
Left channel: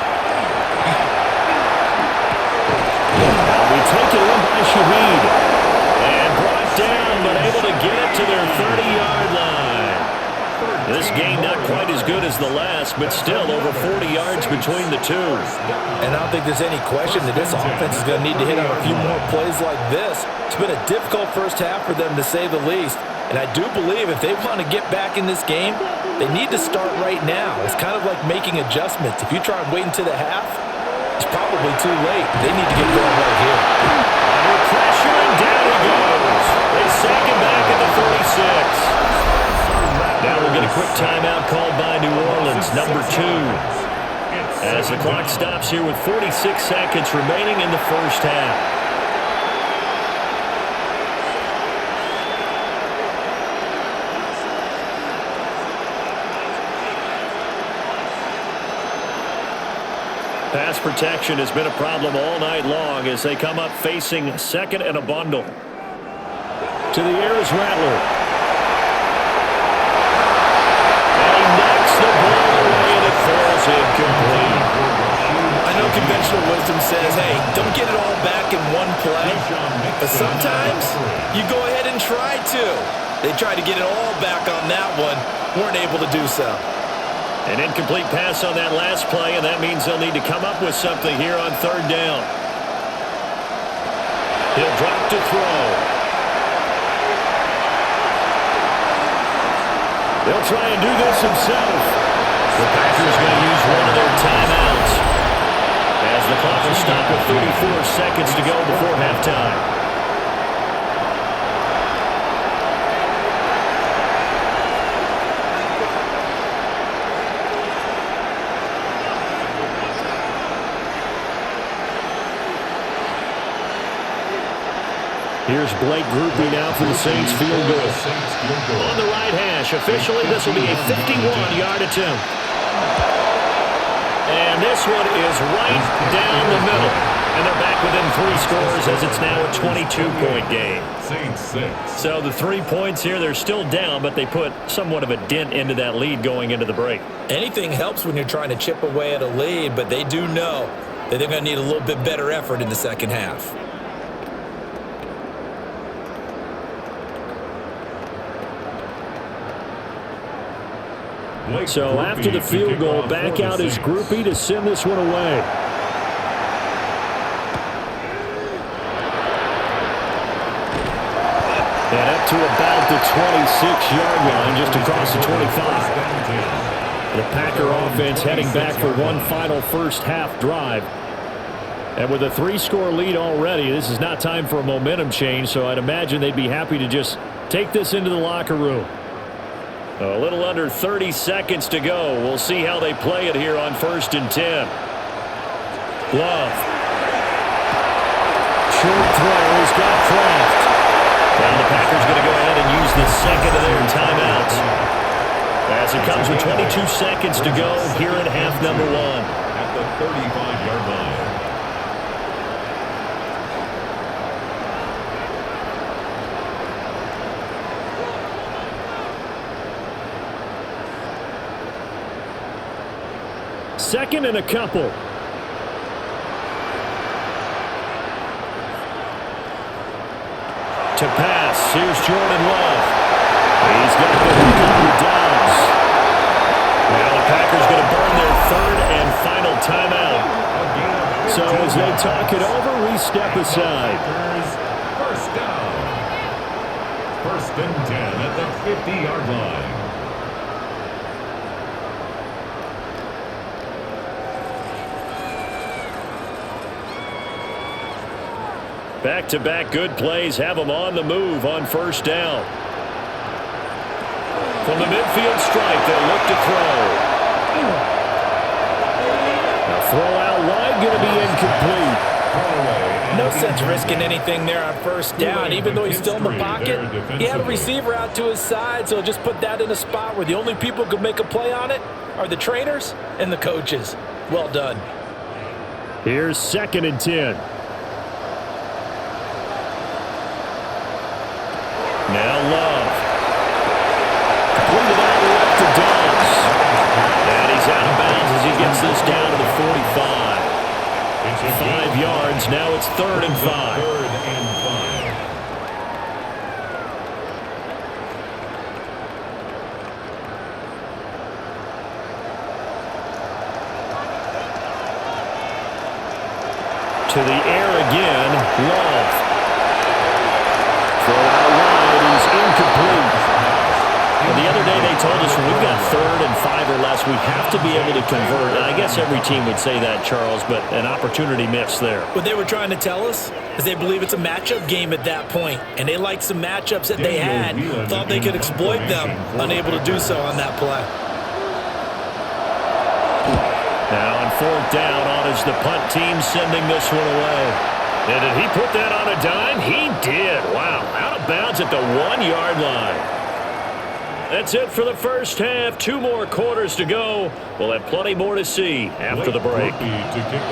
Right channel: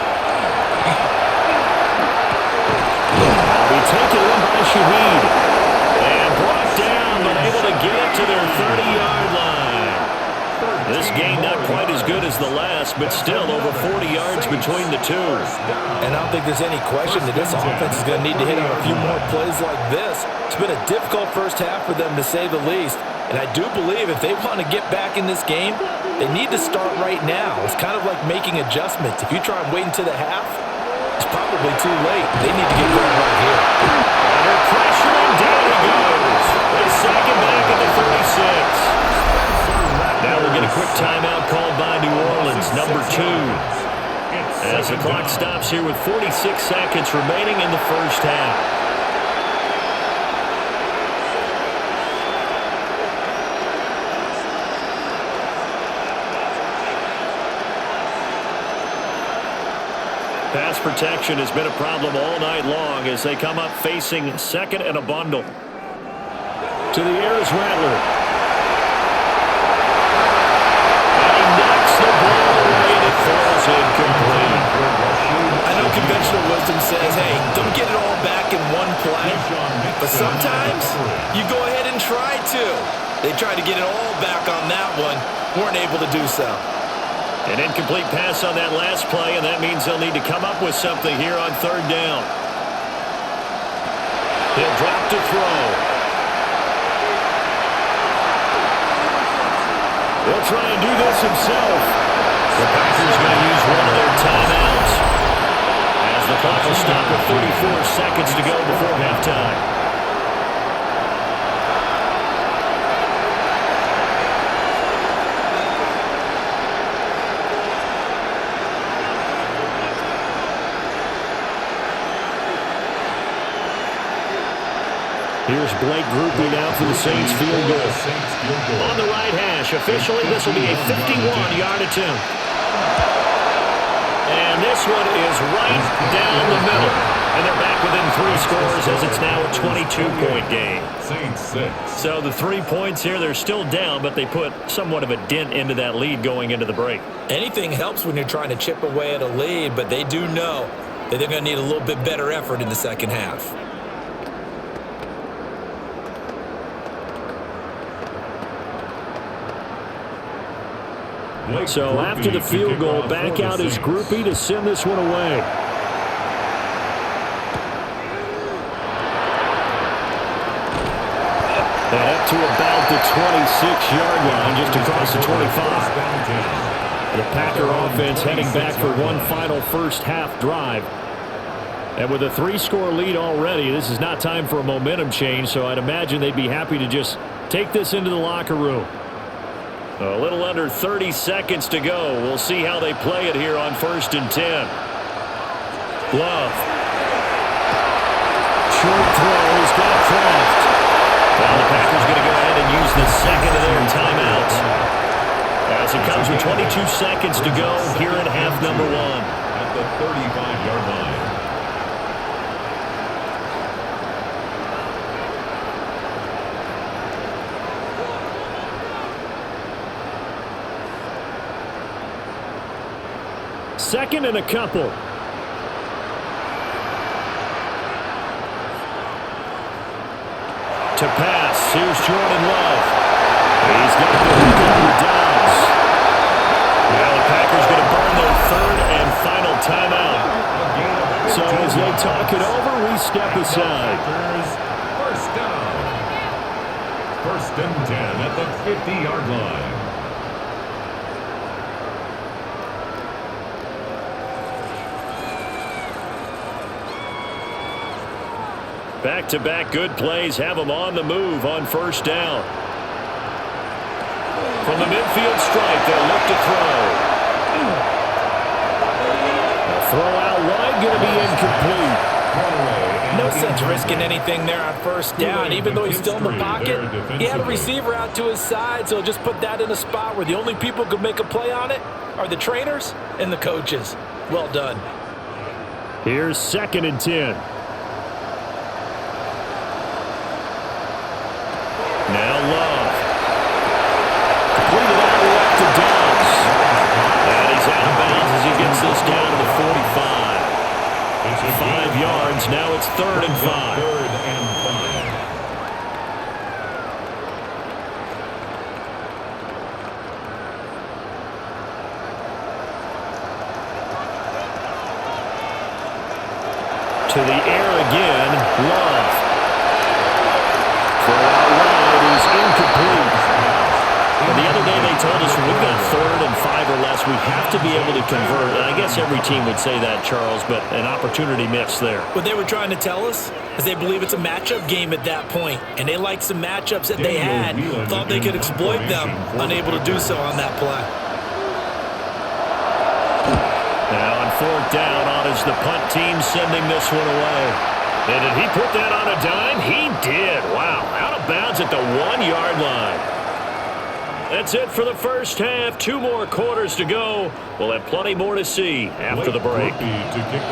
That'll be taken in by Shaheed. And brought down, but able to get it to their 30-yard line. This game not quite as good as the last, but still over 40 yards between the two. And I don't think there's any question that this offense is going to need to hit on a few more plays like this. It's been a difficult first half for them, to say the least. And I do believe if they want to get back in this game, they need to start right now. It's kind of like making adjustments. If you try and wait until the half, it's probably too late. They need to get going right here. Under pressure, and down he goes. They sack him back at the 36. Now we'll get a quick timeout called by New Orleans, number 2. As the clock stops here with 46 seconds remaining in the first half. Pass protection has been a problem all night long as they come up facing second and a bundle. To the air is Rattler. And he knocks the ball away and it falls incomplete. I know conventional wisdom says, hey, don't get it all back in one play. But sometimes you go ahead and try to. They tried to get it all back on that one. Weren't able to do so. An incomplete pass on that last play, and that means they'll need to come up with something here on third down. He'll drop to throw. He'll try and do this himself. The Packers going to use one of their timeouts, as the clock will stop with 34 seconds to go before halftime. Here's Blake Groupie now for the Saints field goal. On the right hash, officially this will be a 51-yard attempt. And this one is right down the middle. And they're back within 3 scores as it's now a 22-point game. So the 3 points here, they're still down, but they put somewhat of a dent into that lead going into the break. Anything helps when you're trying to chip away at a lead, but they do know that they're going to need a little bit better effort in the second half. So after the field goal, back out is Groupie to send this one away. And up to about the 26-yard line, just across the 25. The Packer offense heading back for one final first half drive. And with a 3-score lead already, this is not time for a momentum change, so I'd imagine they'd be happy to just take this into the locker room. A little under 30 seconds to go. We'll see how they play it here on 1st and 10. Love. Short throw. He's got Kraft. Now the Packers going to go ahead and use the second of their timeouts, as it comes with 22 seconds to go here in half number 1. At the 35-yard line. Second and a couple. To pass, here's Jordan Love. He's got the hook up with Dobbs. Now the Packers going to burn their 3rd and final timeout. So as they talk it over, we step aside. First down. 1st and 10 at the 50-yard line. Back-to-back good plays have them on the move on 1st down. From the midfield stripe, they'll look to throw. A throw out wide, going to be incomplete. No sense risking anything there on 1st down, even though he's still in the pocket. He had a receiver out to his side, so he'll just put that in a spot where the only people who could make a play on it are the trainers and the coaches. Well done. Here's 2nd and 10. Now Love. Completed out left to Dobbs. And he's out of bounds as he gets this down to the 45. 5 yards. Now it's 3rd and 5. To the air again. Love. Throw out wide is incomplete. Well, the other day they told us when we've got 3rd and 5 or less, we have to be able to convert. And I guess every team would say that, Charles, but an opportunity missed there. What they were trying to tell us is they believe it's a matchup game at that point, and they liked some matchups that they had, thought they could exploit them, unable to do so on that play. Now on 4th down, on is the punt team sending this one away. And did he put that on a dime? He did. Wow, out of bounds at the 1-yard line. That's it for the first half. 2 more quarters to go. We'll have plenty more to see after the break.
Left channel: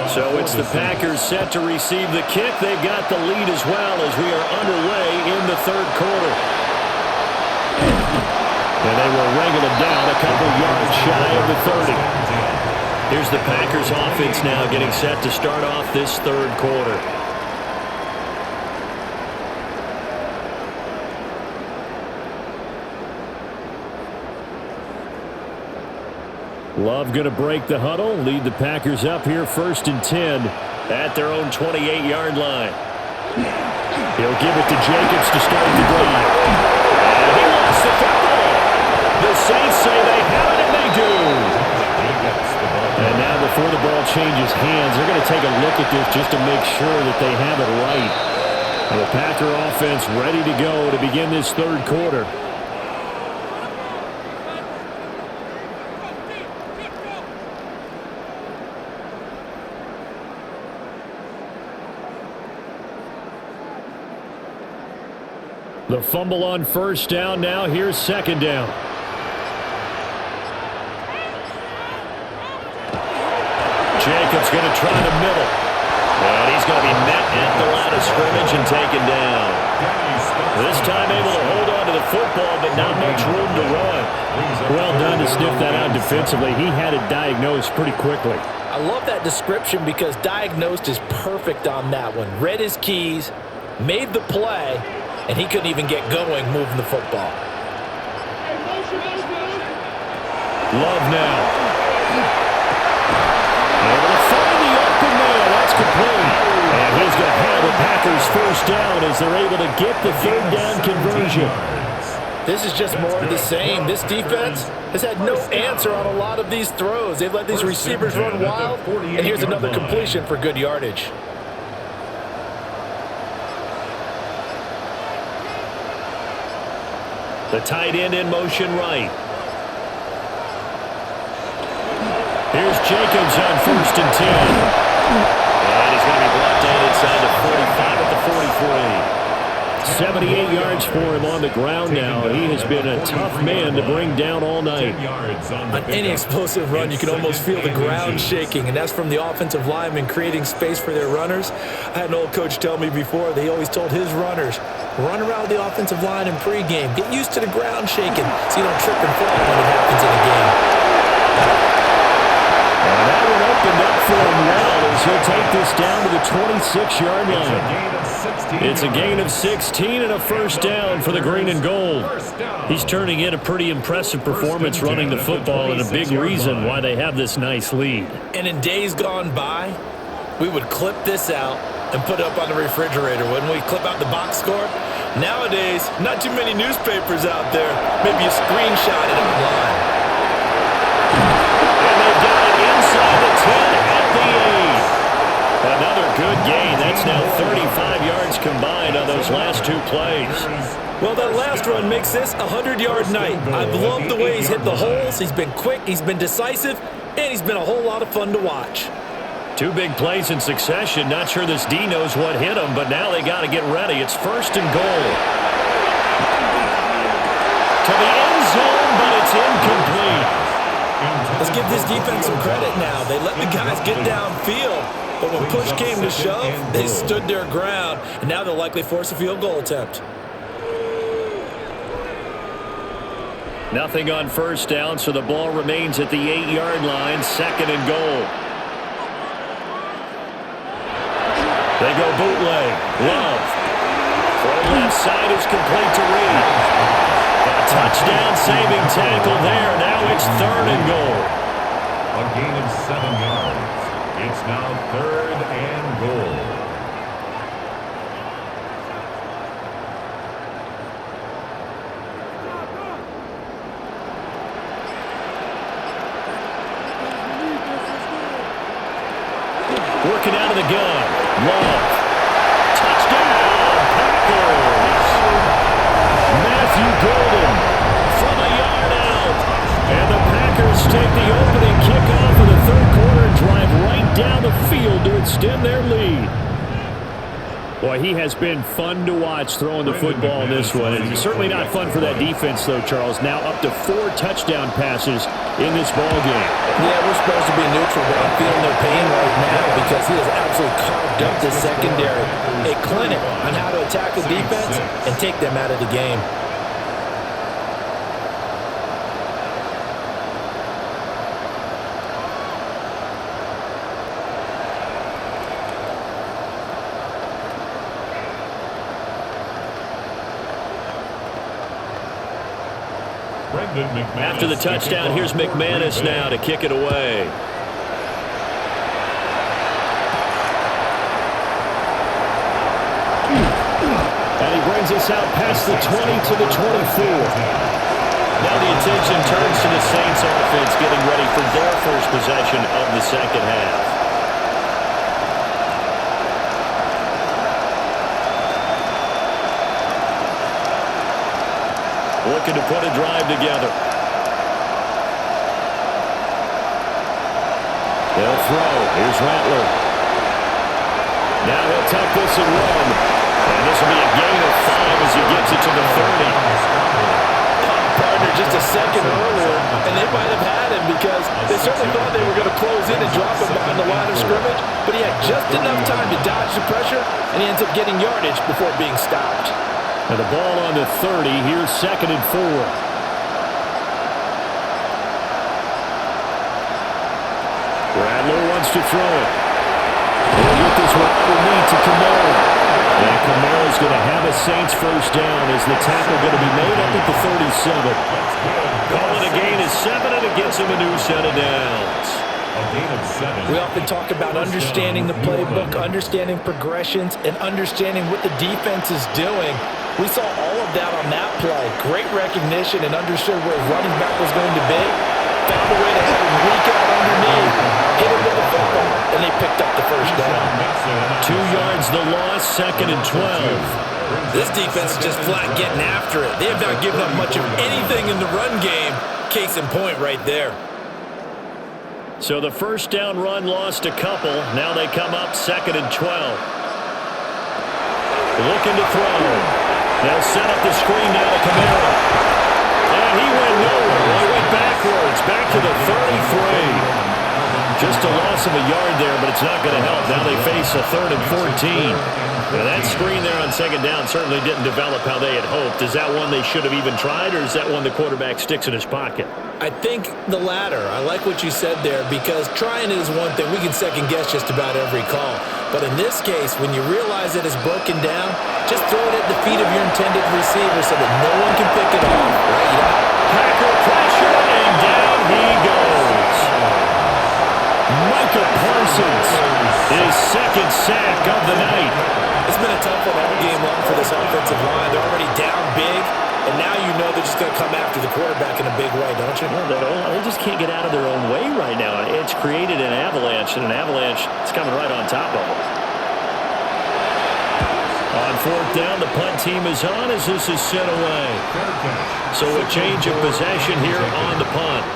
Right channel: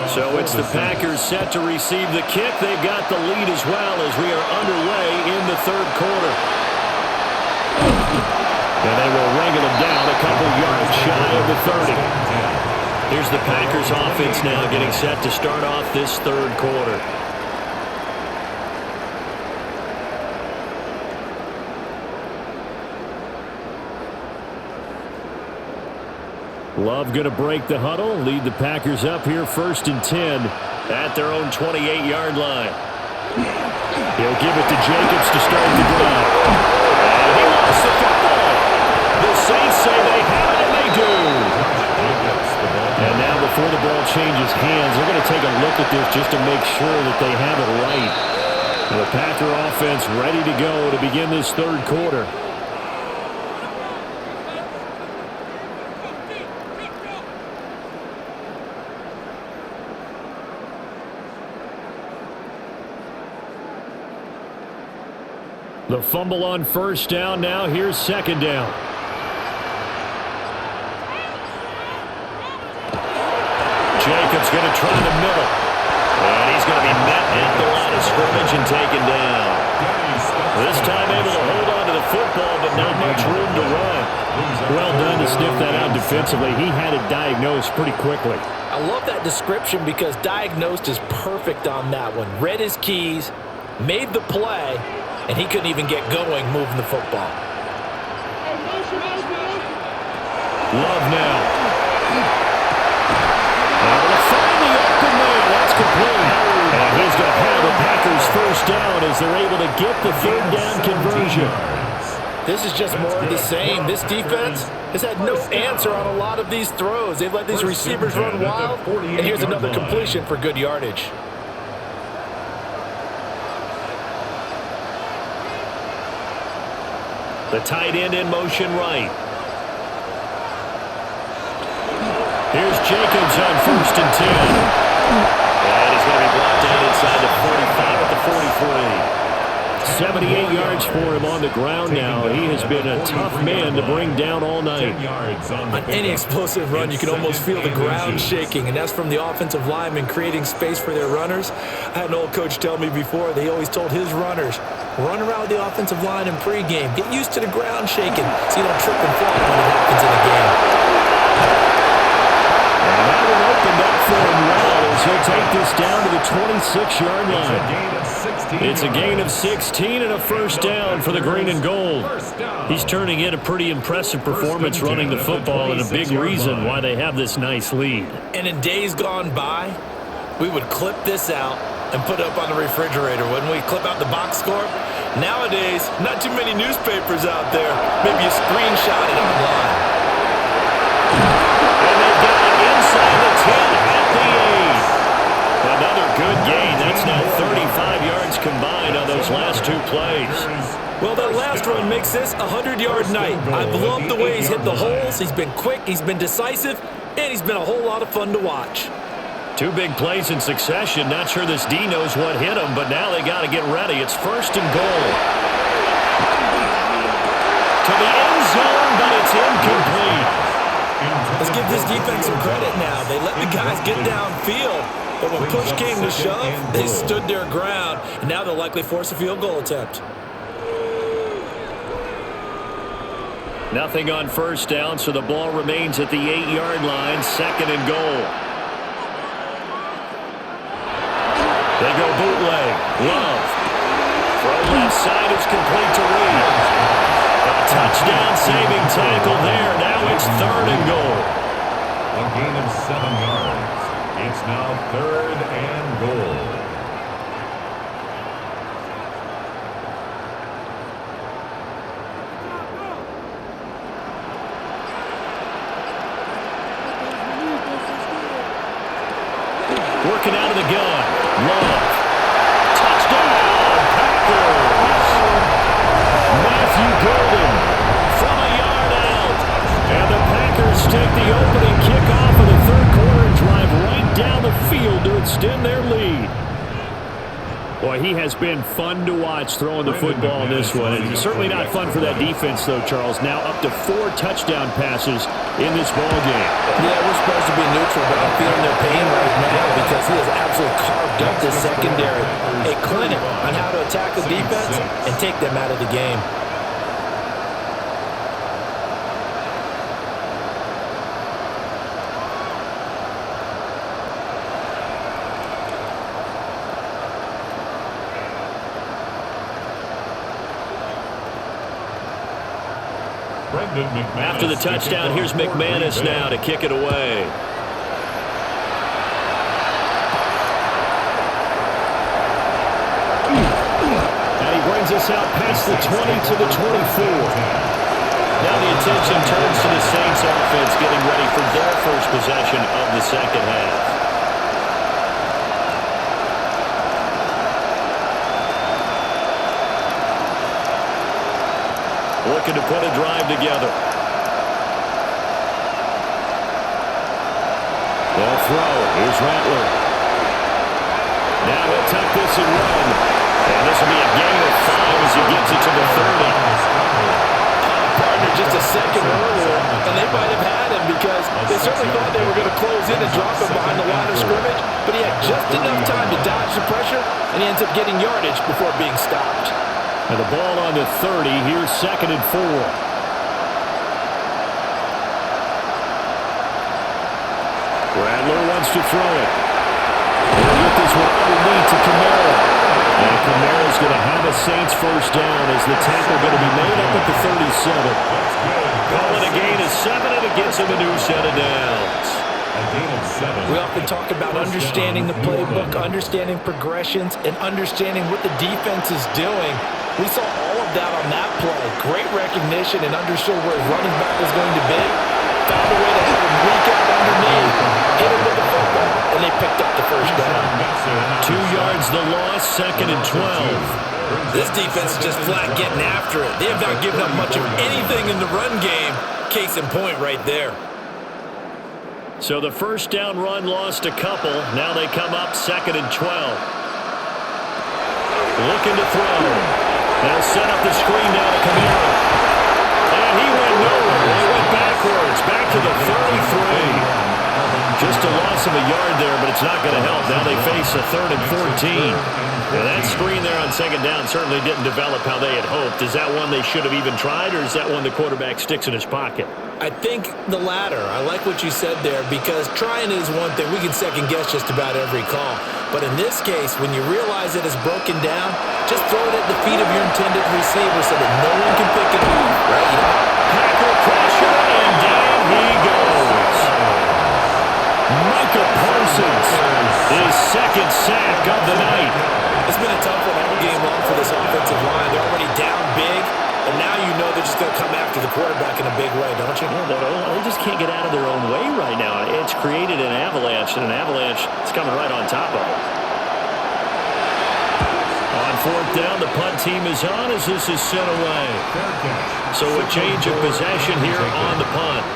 So it's the Packers set to receive the kick. They've got the lead as well as we are underway in the 3rd quarter. And they will wrangle it down a couple yards shy of the 30. Here's the Packers offense now getting set to start off this 3rd quarter. Love going to break the huddle, lead the Packers up here 1st and 10 at their own 28-yard line. He'll give it to Jacobs to start the drive. And he lost the football. The Saints say they have it, and they do. And now before the ball changes hands, they're going to take a look at this just to make sure that they have it right. And the Packer offense ready to go to begin this 3rd quarter. The fumble on 1st down. Now here's 2nd down. Jacobs going to try the middle. And he's going to be met at the line of scrimmage and taken down. This time able to hold on to the football, but not much room to run. Well done to sniff that out defensively. He had it diagnosed pretty quickly. I love that description because diagnosed is perfect on that one. Read his keys, made the play, and he couldn't even get going moving the football. Love now. Able to find the open man. That's complete. And he's going to have a Packers 1st down as they're able to get the 3rd down conversion. This is just more of the same. This defense has had no answer on a lot of these throws. They've let these receivers run wild. And here's another completion for good yardage. The tight end in motion right. Here's Jacobs on 1st and 10. And he's going to be brought down inside the 45 at the 43. 78 yards for him on the ground now. He has been a tough man to bring down all night. On any explosive run, you can almost feel the ground shaking, and that's from the offensive linemen creating space for their runners. I had an old coach tell me before, they always told his runners, run around with the offensive line in pregame. Get used to the ground shaking so you don't trip and fall when it happens in a game. And that one opened up for him well as he'll take this down to the 26-yard line. It's a gain of 16 and a first down for the green and gold. He's turning in a pretty impressive performance running the football and a big reason why they have this nice lead. And in days gone by, we would clip this out and put it up on the refrigerator. When we clip out the box score, nowadays, not too many newspapers out there. Maybe you screenshot it online. And they got it inside the 10 at the 8. Another good gain. That's now 35 yards combined on those last two plays. Well, that last run makes this a 100-yard night. I've loved the way he's hit the holes. He's been quick, he's been decisive, and he's been a whole lot of fun to watch. Two big plays in succession. Not sure this D knows what hit him, but now they got to get ready. It's first and goal. To the end zone, but it's incomplete. Let's give this defense some credit now. They let the guys get downfield, but when push came to shove, they stood their ground, and now they'll likely force a field goal attempt. Nothing on first down, so the ball remains at the 8-yard line, second and goal. They go bootleg. Love. Throw left side is complete to Reed. A touchdown saving tackle there. Now it's third and goal. A gain of 7 yards. It's now third and goal. Working out of the gun. Love. Touchdown, Packers. Matthew Golden from a yard out. And the Packers take the opening kickoff of the third quarter and drive right down the field to extend their lead. Boy, he has been fun to watch throwing the football in this one. It's certainly not fun for that defense, though, Charles. Now up to 4 touchdown passes in this ball game. Yeah, we're supposed to be neutral, but I'm feeling their pain right now because he has absolutely carved up this secondary. A clinic on how to attack the defense and take them out of the game. After the touchdown, here's McManus now to kick it away. And he brings us out past the 20 to the 24. Now the attention turns to the Saints offense getting ready for their first possession of the second half. Looking to put a drive together. They'll throw. Here's Rattler. Now he'll tuck this and run. And this will be a gain of 5 as he gets it to the 30. Oh, partner, just a second earlier, and they might have had him because they certainly thought they were going to close in and drop him behind the line of scrimmage, but he had just enough time to dodge the pressure, and he ends up getting yardage before being stopped. Now the ball on the 30. Here's second and 4. Rattler wants to throw it. He'll get this one underneath to Kamara. And Kamara's going to have a Saints first down as the tackle going to be made up at the 37. Call it a gain of 7, and it gets him a new set of downs. We often talk about understanding the playbook, understanding progressions, and understanding what the defense is doing. We saw all of that on that play. Great recognition and understood where his running back was going to be. Found a way to have him leak out underneath, hit him with the football, and they picked up the first down. 2 yards the loss, second and 12. This defense is just flat getting after it. They have not given up much of anything in the run game. Case in point right there. So the first down run lost a couple. Now they come up second and 12. Looking to throw. They'll set up the screen now to Kamara. And he went nowhere. Well, he went backwards, back to the 33. Just a loss of a yard there, but it's not going to help. Now they face a 3rd and 14. Now that screen there on second down certainly didn't develop how they had hoped. Is that one they should have even tried, or is that one the quarterback sticks in his pocket? I think the latter. I like what you said there because trying it is one thing. We can second guess just about every call. But in this case, when you realize it is broken down, just throw it at the feet of your intended receiver so that no one can pick it off, right? You don't Packer pressure, and down he goes. Micah Parsons, his second sack of the night. It's been a tough one all game long for this offensive line. They're already down big, and now you know they're just going to come after the quarterback in a big way, don't you? Yeah, they just can't get out of their own way right now. It's created an avalanche, and an avalanche is coming right on top of them. On fourth down, the punt team is on as this is sent away. So a change of possession here on the punt.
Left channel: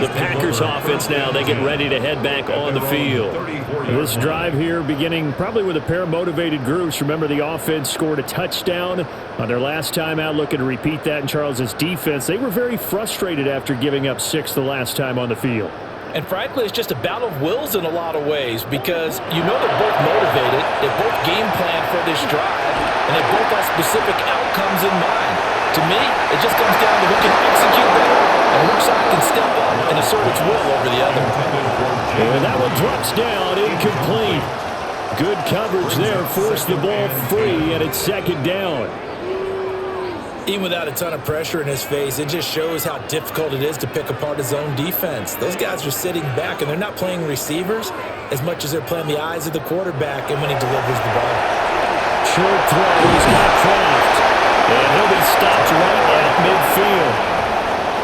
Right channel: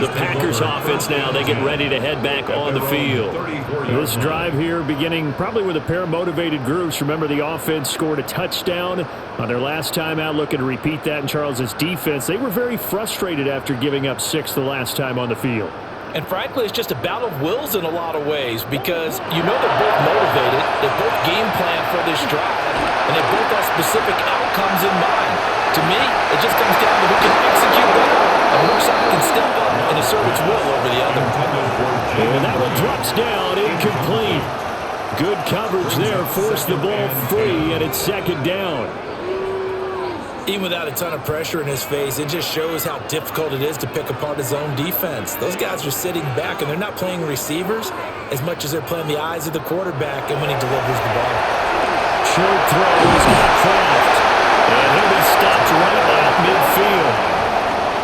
The Packers offense now, they get ready to head back on the field. This drive here beginning probably with a pair of motivated groups. Remember, the offense scored a touchdown on their last time out, looking to repeat that in Charles's defense. They were very frustrated after giving up 6 the last time on the field. And frankly, it's just a battle of wills in a lot of ways because you know they're both motivated, they both game plan for this drive, and they both have specific outcomes in mind. To me, it just comes down to who can execute better and which side can step up and assert its will over the other. And that one drops down, incomplete. Good coverage there, forced the ball free, and it's second down. Even without a ton of pressure in his face, it just shows how difficult it is to pick apart his own defense. Those guys are sitting back, and they're not playing receivers as much as they're playing the eyes of the quarterback and when he delivers the ball. Short throw, he's got Kraft, and he'll be stopped right at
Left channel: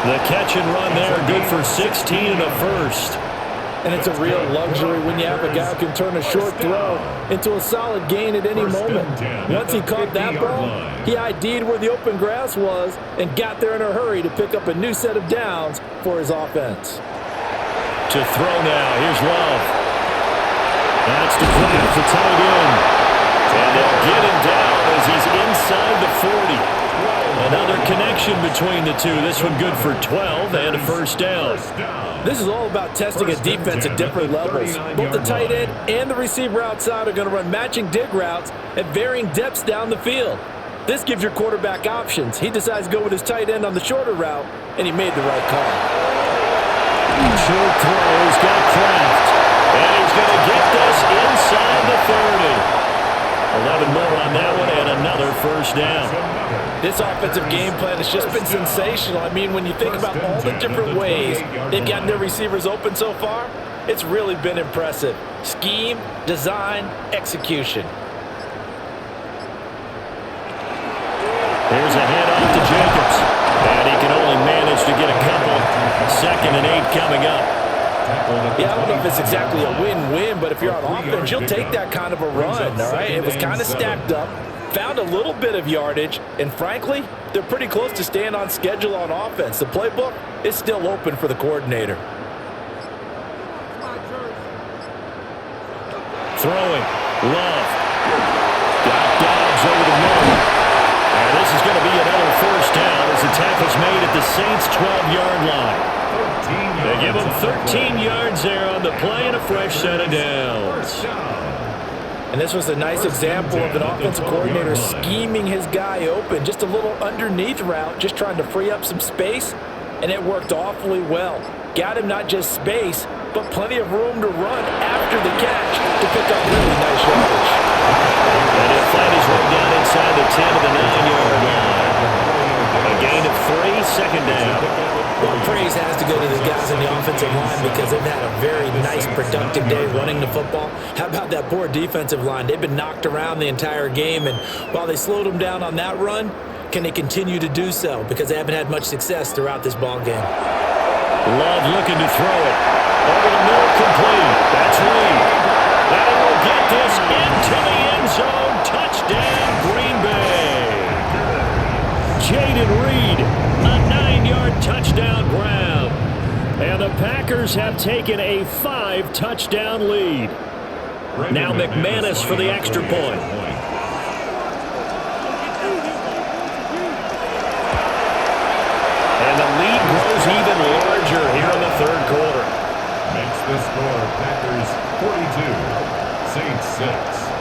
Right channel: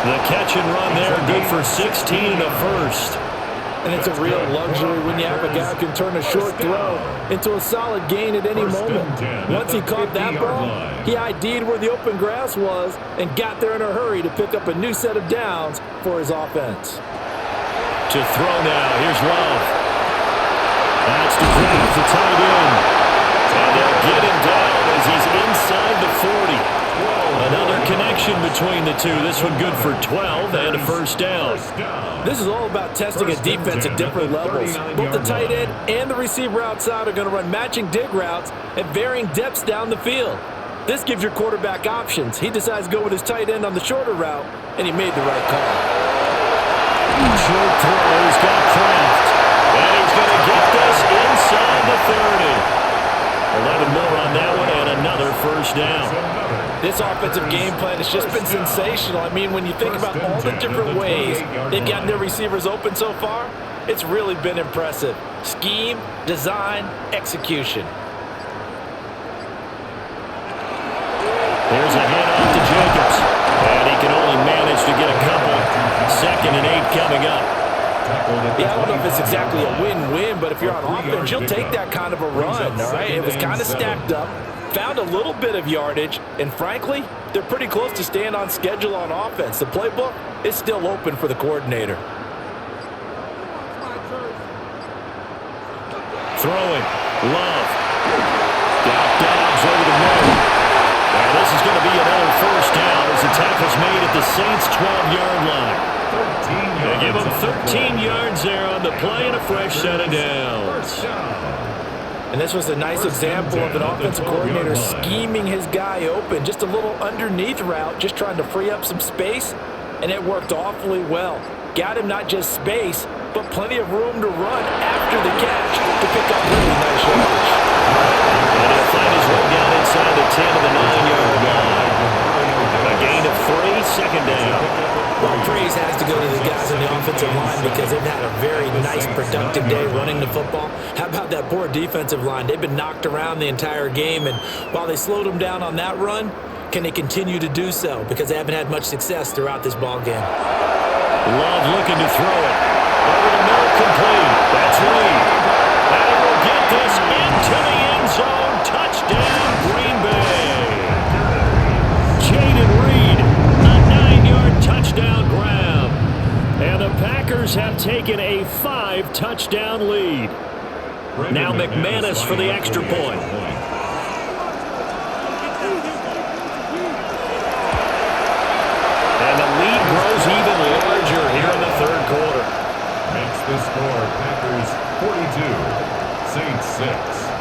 midfield. The catch and run there, good for 16 and a first. And it's a real luxury when you have a guy who can turn a short throw into a solid gain at any moment. Once he caught that ball, he ID'd where the open grass was and got there in a hurry to pick up a new set of downs for his offense. To throw now, here's Love. That's to Kraft, the tight end. And they'll get him down as he's inside the 40. Another connection between the two. This one good for 12 and a first down. This is all about testing a defense at different levels. Both the tight end and the receiver outside are going to run matching dig routes at varying depths down the field. This gives your quarterback options. He decides to go with his tight end on the shorter route, and he made the right call. Short throw, he's got Kraft. And he's going to get this inside the 30. 11 more on that one and another first down. This offensive game plan has just been sensational. I mean, when you think about all the different ways they've gotten their receivers open so far, it's really been impressive. Scheme, design, execution. Here's a handoff to Jacobs. And he can only manage to get a couple. 2nd and 8 coming up. Yeah, I don't know if it's exactly a win-win, but if you're on offense, you'll take that kind of a run, all right? It was kind of stacked up, found a little bit of yardage, and frankly, they're pretty close to staying on schedule on offense. The playbook is still open for the coordinator. Throwing, Love. Got Dobbs over the middle. And this is going to be another first down as the tackle's made at the Saints' 12-yard line. They give him 13 yards there on the play and a fresh set of downs. And this was a nice example of an offensive coordinator scheming his guy open. Just a little underneath route, just trying to free up some space, and it worked awfully well. Got him not just space, but plenty of room to run after the catch to pick up really nice yardage. And he'll find his way down inside the 10 to the 9-yard line. A gain of 3, second down. Well, praise has to go to the guys on the offensive line because they've had a very nice, productive day running the football. How about that poor defensive line? They've been knocked around the entire game, and while they slowed them down on that run, can they continue to do so? Because they haven't had much success throughout this ball game. Love looking to throw it. Over the middle, complete. That's Reed. And he will get this into the end zone. Touchdown, Green Bay. Jaden Reed, a 9-yard touchdown grab. And the Packers have taken a 5-touchdown lead. Now McManus for the extra point. And the lead grows even larger here in the third quarter. Makes the score Packers 42, Saints 6.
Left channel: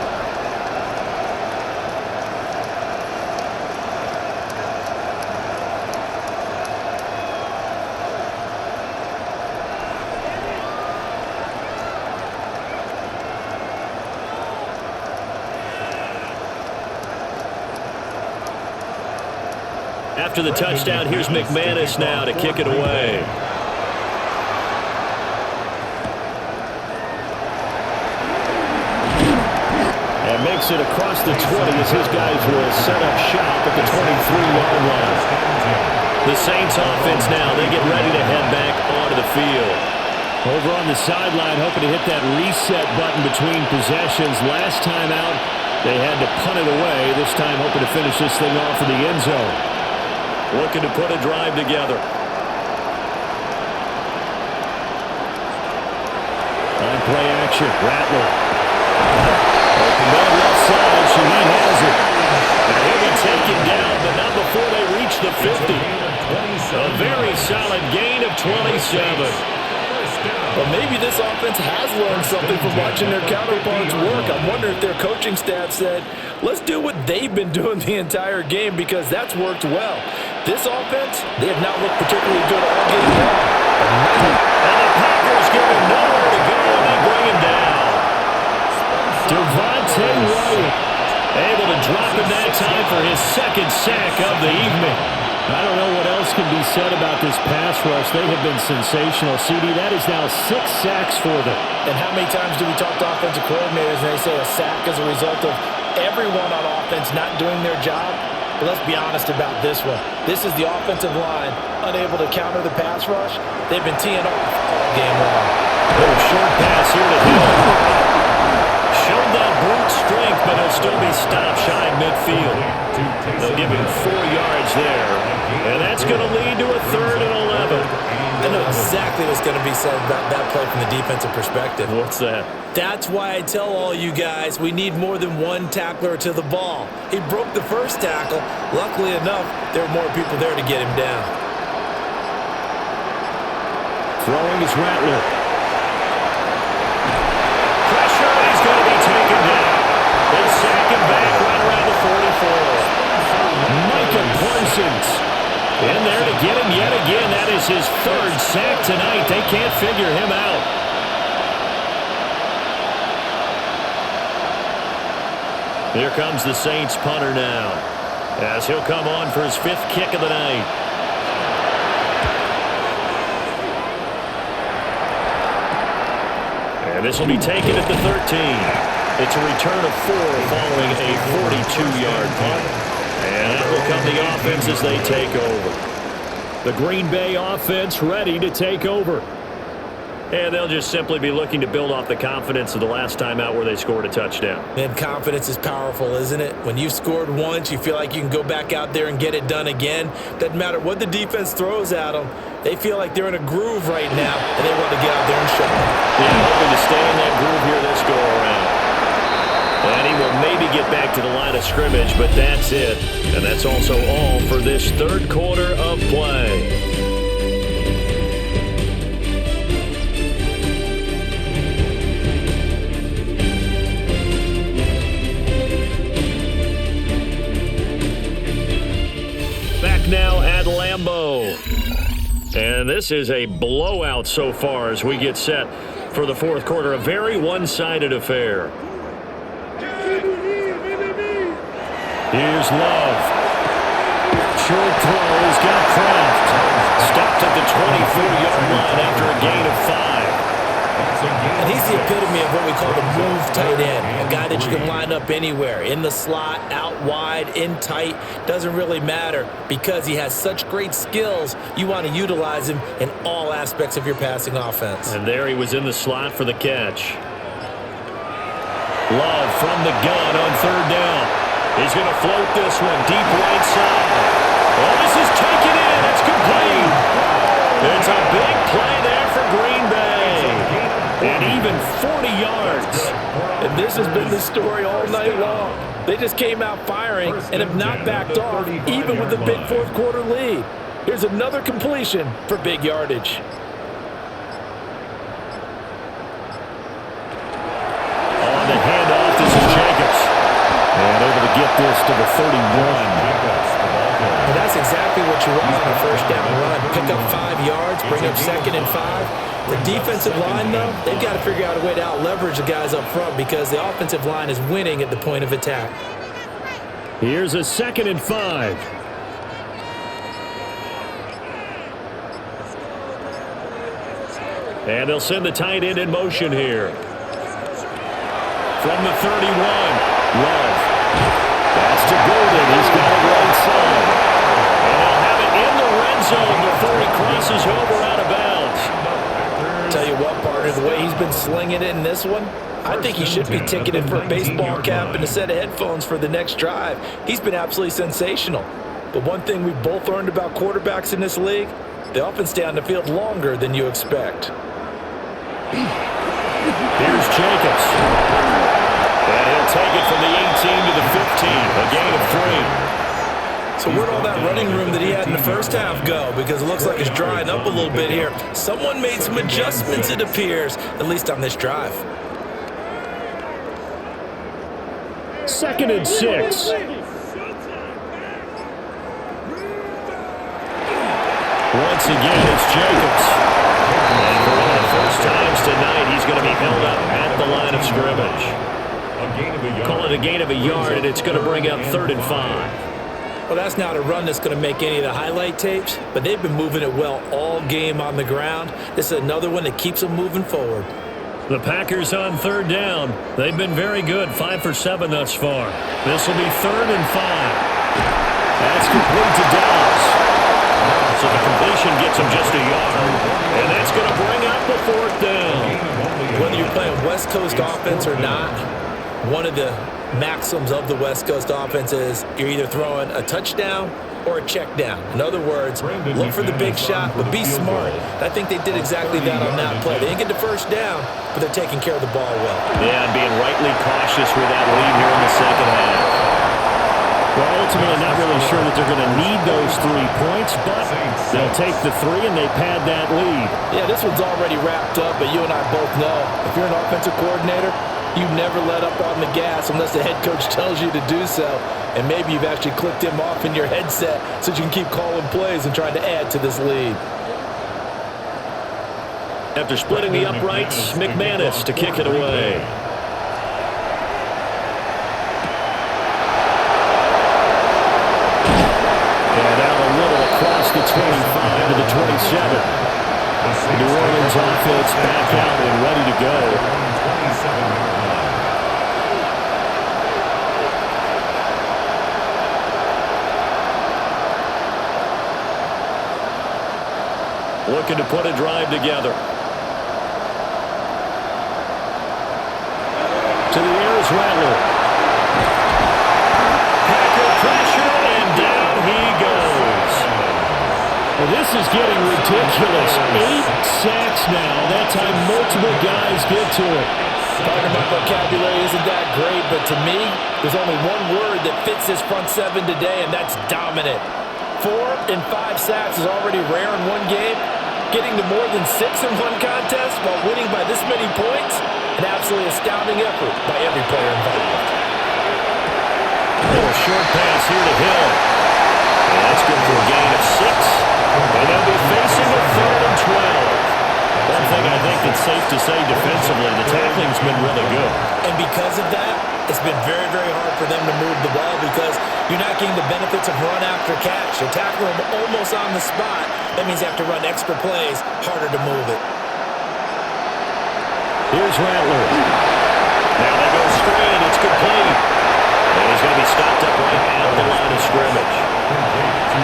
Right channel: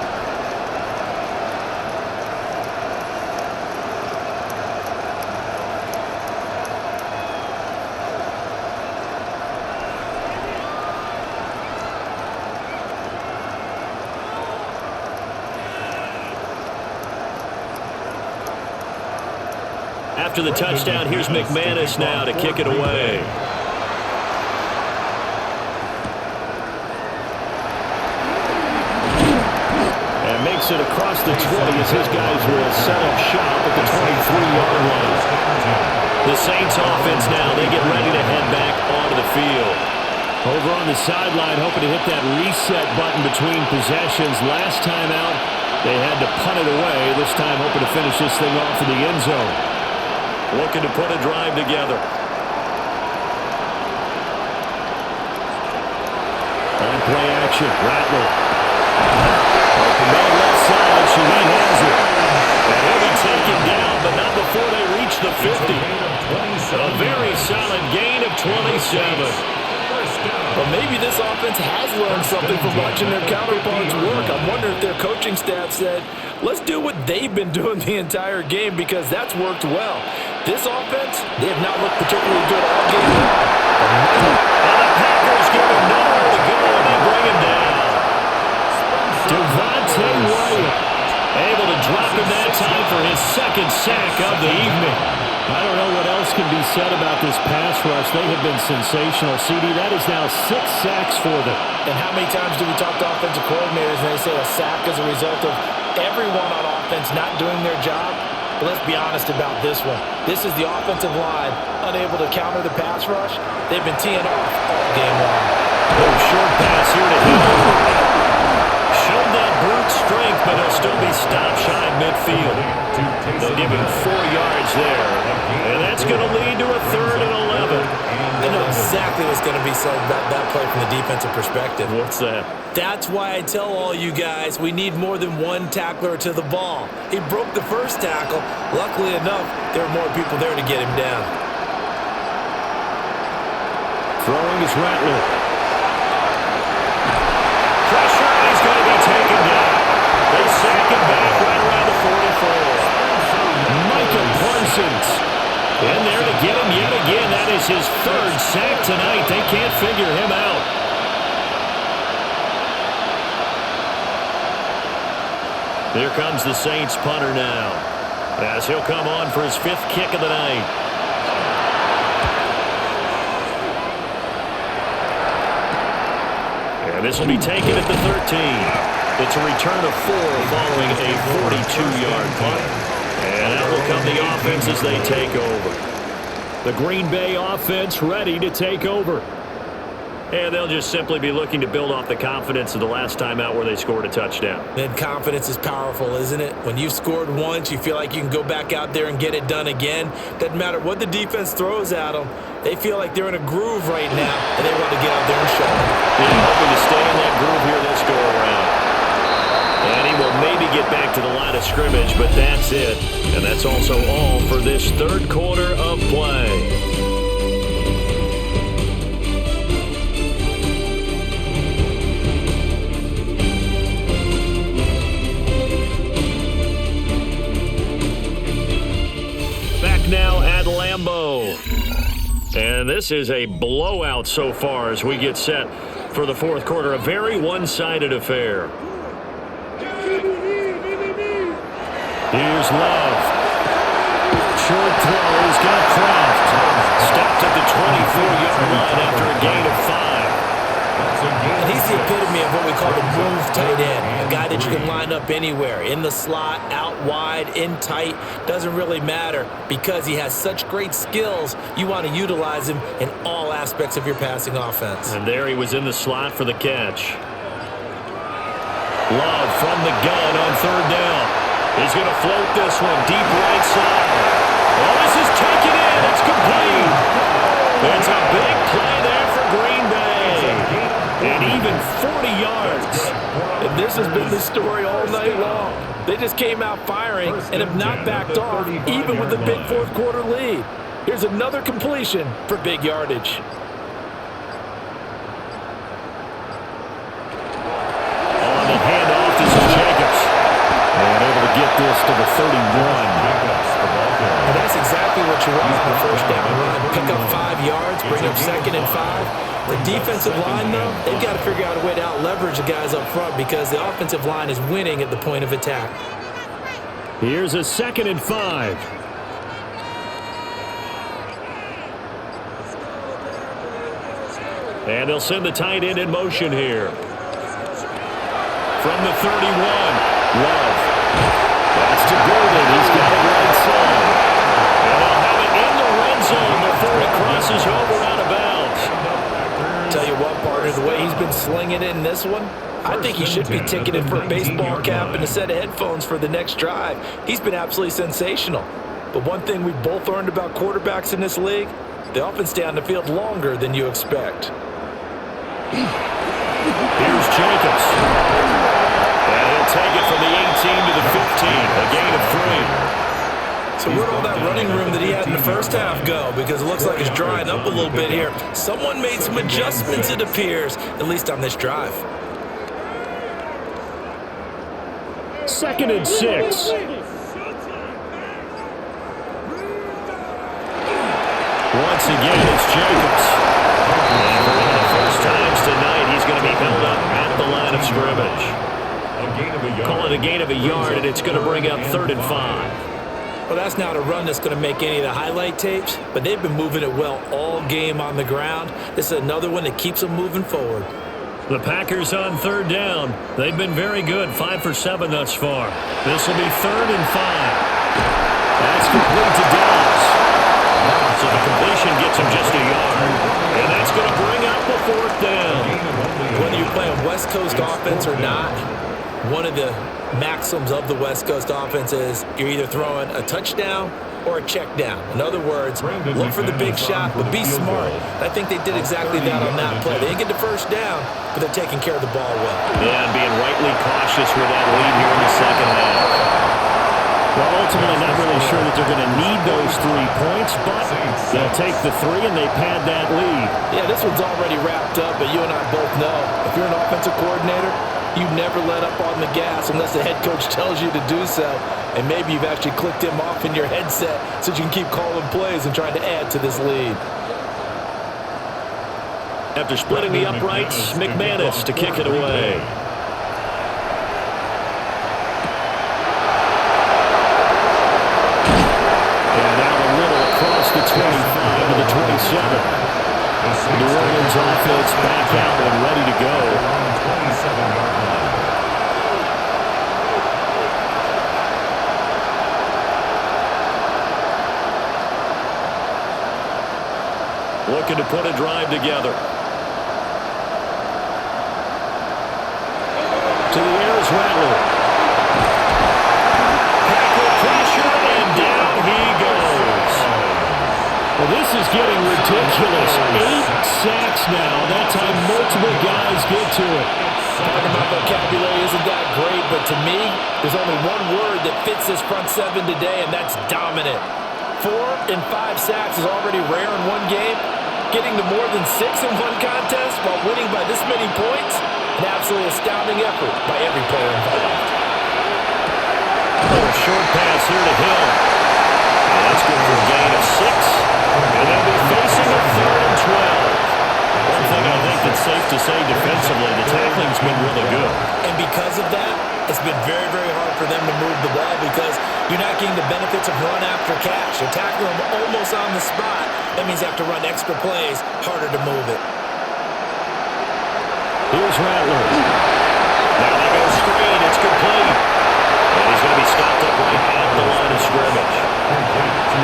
After the touchdown, here's McManus now to kick it away. And makes it across the 20 as his guys will set up shop at the 23-yard line. The Saints offense now, they get ready to head back onto the field. Over on the sideline, hoping to hit that reset button between possessions. Last time out, they had to punt it away. This time hoping to finish this thing off in the end zone. Looking to put a drive together. On play action, Rattler. Open man left side, Shaheed has it. And he'll be taken down, but not before they reach the 50. A very solid gain of 27. Well, maybe this offense has learned something from watching their counterparts work. I wonder if their coaching staff said, let's do what they've been doing the entire game, because that's worked well. This offense, they have not looked particularly good all game long. And the Packers give him nowhere to go, and they bring him down. Devontae Wyatt able to drop him that time for his second sack of the evening. I don't know what else can be said about this pass rush. They have been sensational. CD, that is now 6 sacks for them. And how many times do we talk to offensive coordinators and they say a sack is a result of everyone on offense not doing their job? But let's be honest about this one. This is the offensive line unable to counter the pass rush. They've been teeing off all game long. Oh, short pass here to Hill. Showed that brute strength, but he'll still be stopped shy of midfield. They'll give him 4 yards there. And that's going to lead to a 3rd and 11. I know exactly what's going to be said about that play from the defensive perspective. What's that? That's why I tell all you guys we need more than one tackler to the ball. He broke the first tackle. Luckily enough, there were more people there to get him down. Throwing is Rattler. Pressure, and he's going to be taken down. They sack him back right around the 44. Micah Parsons in there to get him yet again. That is his 3rd sack tonight. They can't figure him out. Here comes the Saints punter now, as he'll come on for his 5th kick of the night. And this will be taken at the 13. It's a return of 4 following a 42-yard punt. And out will come the offense as they take over. The Green Bay offense ready to take over. And they'll just simply be looking to build off the confidence of the last time out where they scored a touchdown. And confidence is powerful, isn't it? When you've scored once, you feel like you can go back out there and get it done again. Doesn't matter what the defense throws at them. They feel like they're in a groove right now, and they want to get out there and show them. Yeah, hoping to stay in that groove here this go-around. And he will maybe get back to the line of scrimmage, but that's it. And that's also all for this 3rd quarter of play. Now at Lambeau. And this is a blowout so far as we get set for the 4th quarter. A very one-sided affair. Here's Love. Short throw. He's got Kraft. Stopped at the 24-yard line after a gain of 5. And he's the epitome of what we call the move tight end. A guy that you can line up anywhere. In the slot, out wide, in tight. Doesn't really matter because he has such great skills. You want to utilize him in all aspects of your passing offense. And there he was in the slot for the catch. Love from the gun on 3rd down. He's going to float this one deep right side. Oh, this is taken in. It's complete. It's a big play there for Green Bay. And even 40 yards. And this has been the story all night long. They just came out firing and have not backed off, even with a big 4th quarter lead. Here's another completion for big yardage. On the handoff, this is Jacobs. And able to get this to the 31. And that's exactly what you want on a 1st down run. Pick up 5 yards, bring up 2nd and 5. The defensive line, though, they've got to figure out a way to out-leverage the guys up front because the offensive line is winning at the point of attack. Here's a 2nd and 5. And they'll send the tight end in motion here. From the 31, Love. That's to Golden. He's got it right side. And they'll have it in the red zone before he crosses over out of bounds. Tell you what, partner, the way he's been slinging it in this one, I think he should be ticketed for a baseball cap and a set of headphones for the next drive. He's been absolutely sensational. But one thing we both learned about quarterbacks in this league, they often stay on the field longer than you expect. Here's Jacobs. And he'll take it from the 18 to the 15, a gain of 3. So where'd all that running room that he had in the first half go? Because it looks like it's drying up a little bit here. Someone made some adjustments, it appears, at least on this drive. 2nd and 6. Once again, it's Jacobs. And for one of the first times tonight, he's going to be held up at the line of scrimmage. Call it a gain of a yard, and it's going to bring up 3rd and 5. Well, that's not a run that's going to make any of the highlight tapes, but they've been moving it well all game on the ground. This is another one that keeps them moving forward. The Packers on 3rd down. They've been very good, 5 for 7 thus far. This will be 3rd and 5. That's complete to Dobbs. So the completion gets him just a yard, and that's going to bring up a 4th down. Whether you're playing West Coast offense or not, one of the maxims of the West Coast offense is you're either throwing a touchdown or a check down. In other words, look for the big shot, but be smart. I think they did exactly that on that play. They didn't get the first down, but they're taking care of the ball well. Yeah, and being rightly cautious with that lead here in the second half. Well, ultimately not really sure that they're going to need those 3 points, but they'll take the 3 and they pad that lead. Yeah, this one's already wrapped up, but you and I both know if you're an offensive coordinator, you never let up on the gas unless the head coach tells you to do so. And maybe you've actually clicked him off in your headset so you can keep calling plays and trying to add to this lead. After splitting the uprights, McManus to kick it away. And out a little across the 25 to the 27. The New Orleans offense back out and ready to go. 27-yard line. Looking to put a drive together. To the air is Rattler. Packer pressure, and down he goes. Well, this is getting ridiculous. 8 sacks now. That time multiple guys get to it. Pardon my vocabulary isn't that great, but to me, there's only one word that fits this front seven today, and that's dominant. 4 and 5 sacks is already rare in one game. Getting to more than 6 in one contest while winning by this many points, an absolutely astounding effort by every player involved. A little short pass here to Hill. And that's good for a gain of 6. And they'll be facing a 3rd and 12. One thing I think that's safe to say defensively, the tackling's been really good. And because of that, it's been very, very hard for them to move the ball because you're not getting the benefits of run after catch. You're tackling them almost on the spot. That means you have to run extra plays, harder to move it. Here's Rattler. Now they go screen. It's complete. And he's going to be stopped up right at the line of scrimmage.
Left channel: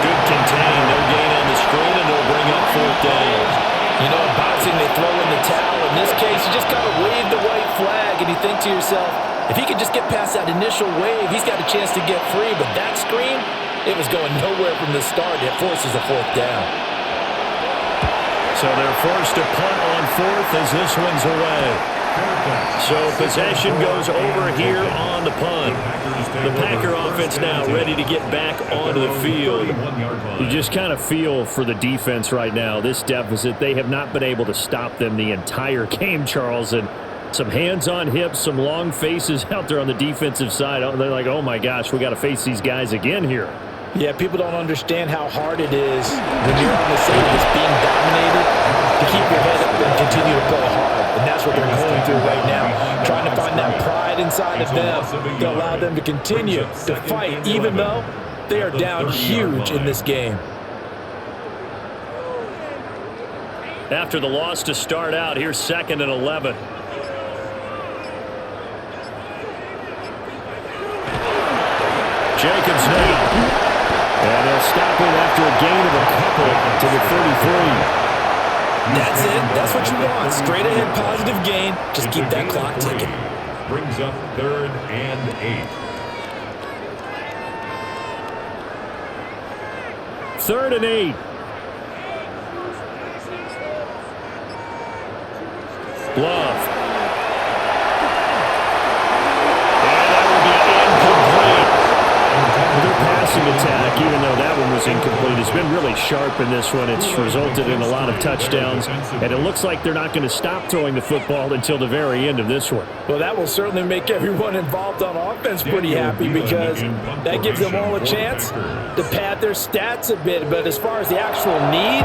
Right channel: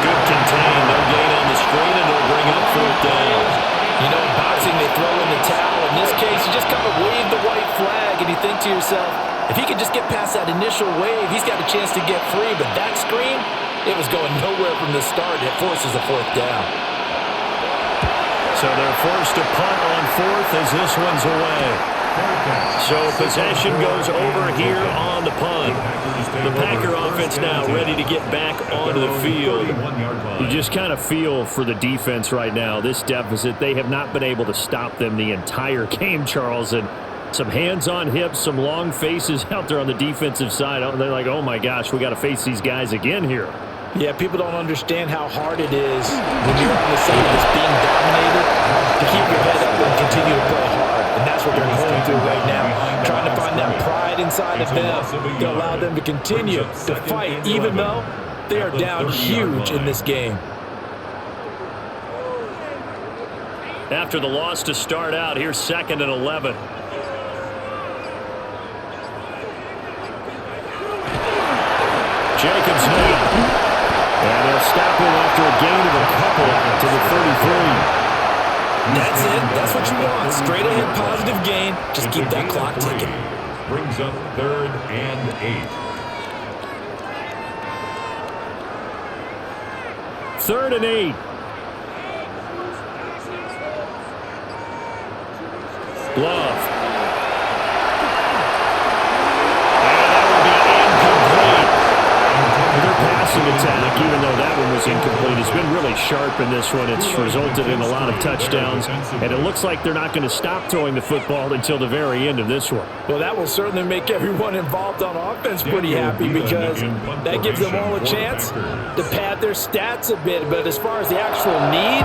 Good contain. No gain on the screen, and it'll bring up 4th down. You know, in boxing, they throw in the towel. In this case, you just kind of wave the white flag, and you think to yourself, if he could just get past that initial wave, he's got a chance to get free. But that screen, it was going nowhere from the start. It forces a 4th down. So they're forced to punt on 4th as this one's away. So possession goes over here on the punt. The Packer offense now ready to get back onto the field. You just kind of feel for the defense right now, this deficit. They have not been able to stop them the entire game, Charles. And some hands on hips, some long faces out there on the defensive side. They're like, oh, my gosh, we got to face these guys again here. Yeah, people don't understand how hard it is when you're on the side that's being dominated to keep your head up and continue to play hard. And that's what they're going through right now, trying to find that pride inside of them to allow them to continue to fight, even though they are down huge in this game. After the loss to start out, here's 2nd and 11. Jacobs now. And they'll stop him after a gain of a couple to the 33. That's it. That's what you want. Straight ahead positive gain. Just keep that clock ticking. Brings up 3rd and 8. 3rd and 8. Love. And that will be incomplete. Their passing attack, even though that one was incomplete, has been really sharp in this one. It's resulted in a lot of touchdowns, and it looks like they're not going to stop throwing the football until the very end of this one. Well, that will certainly make everyone involved on offense pretty happy because that gives them all a chance to pad their stats a bit. But as far as the actual need,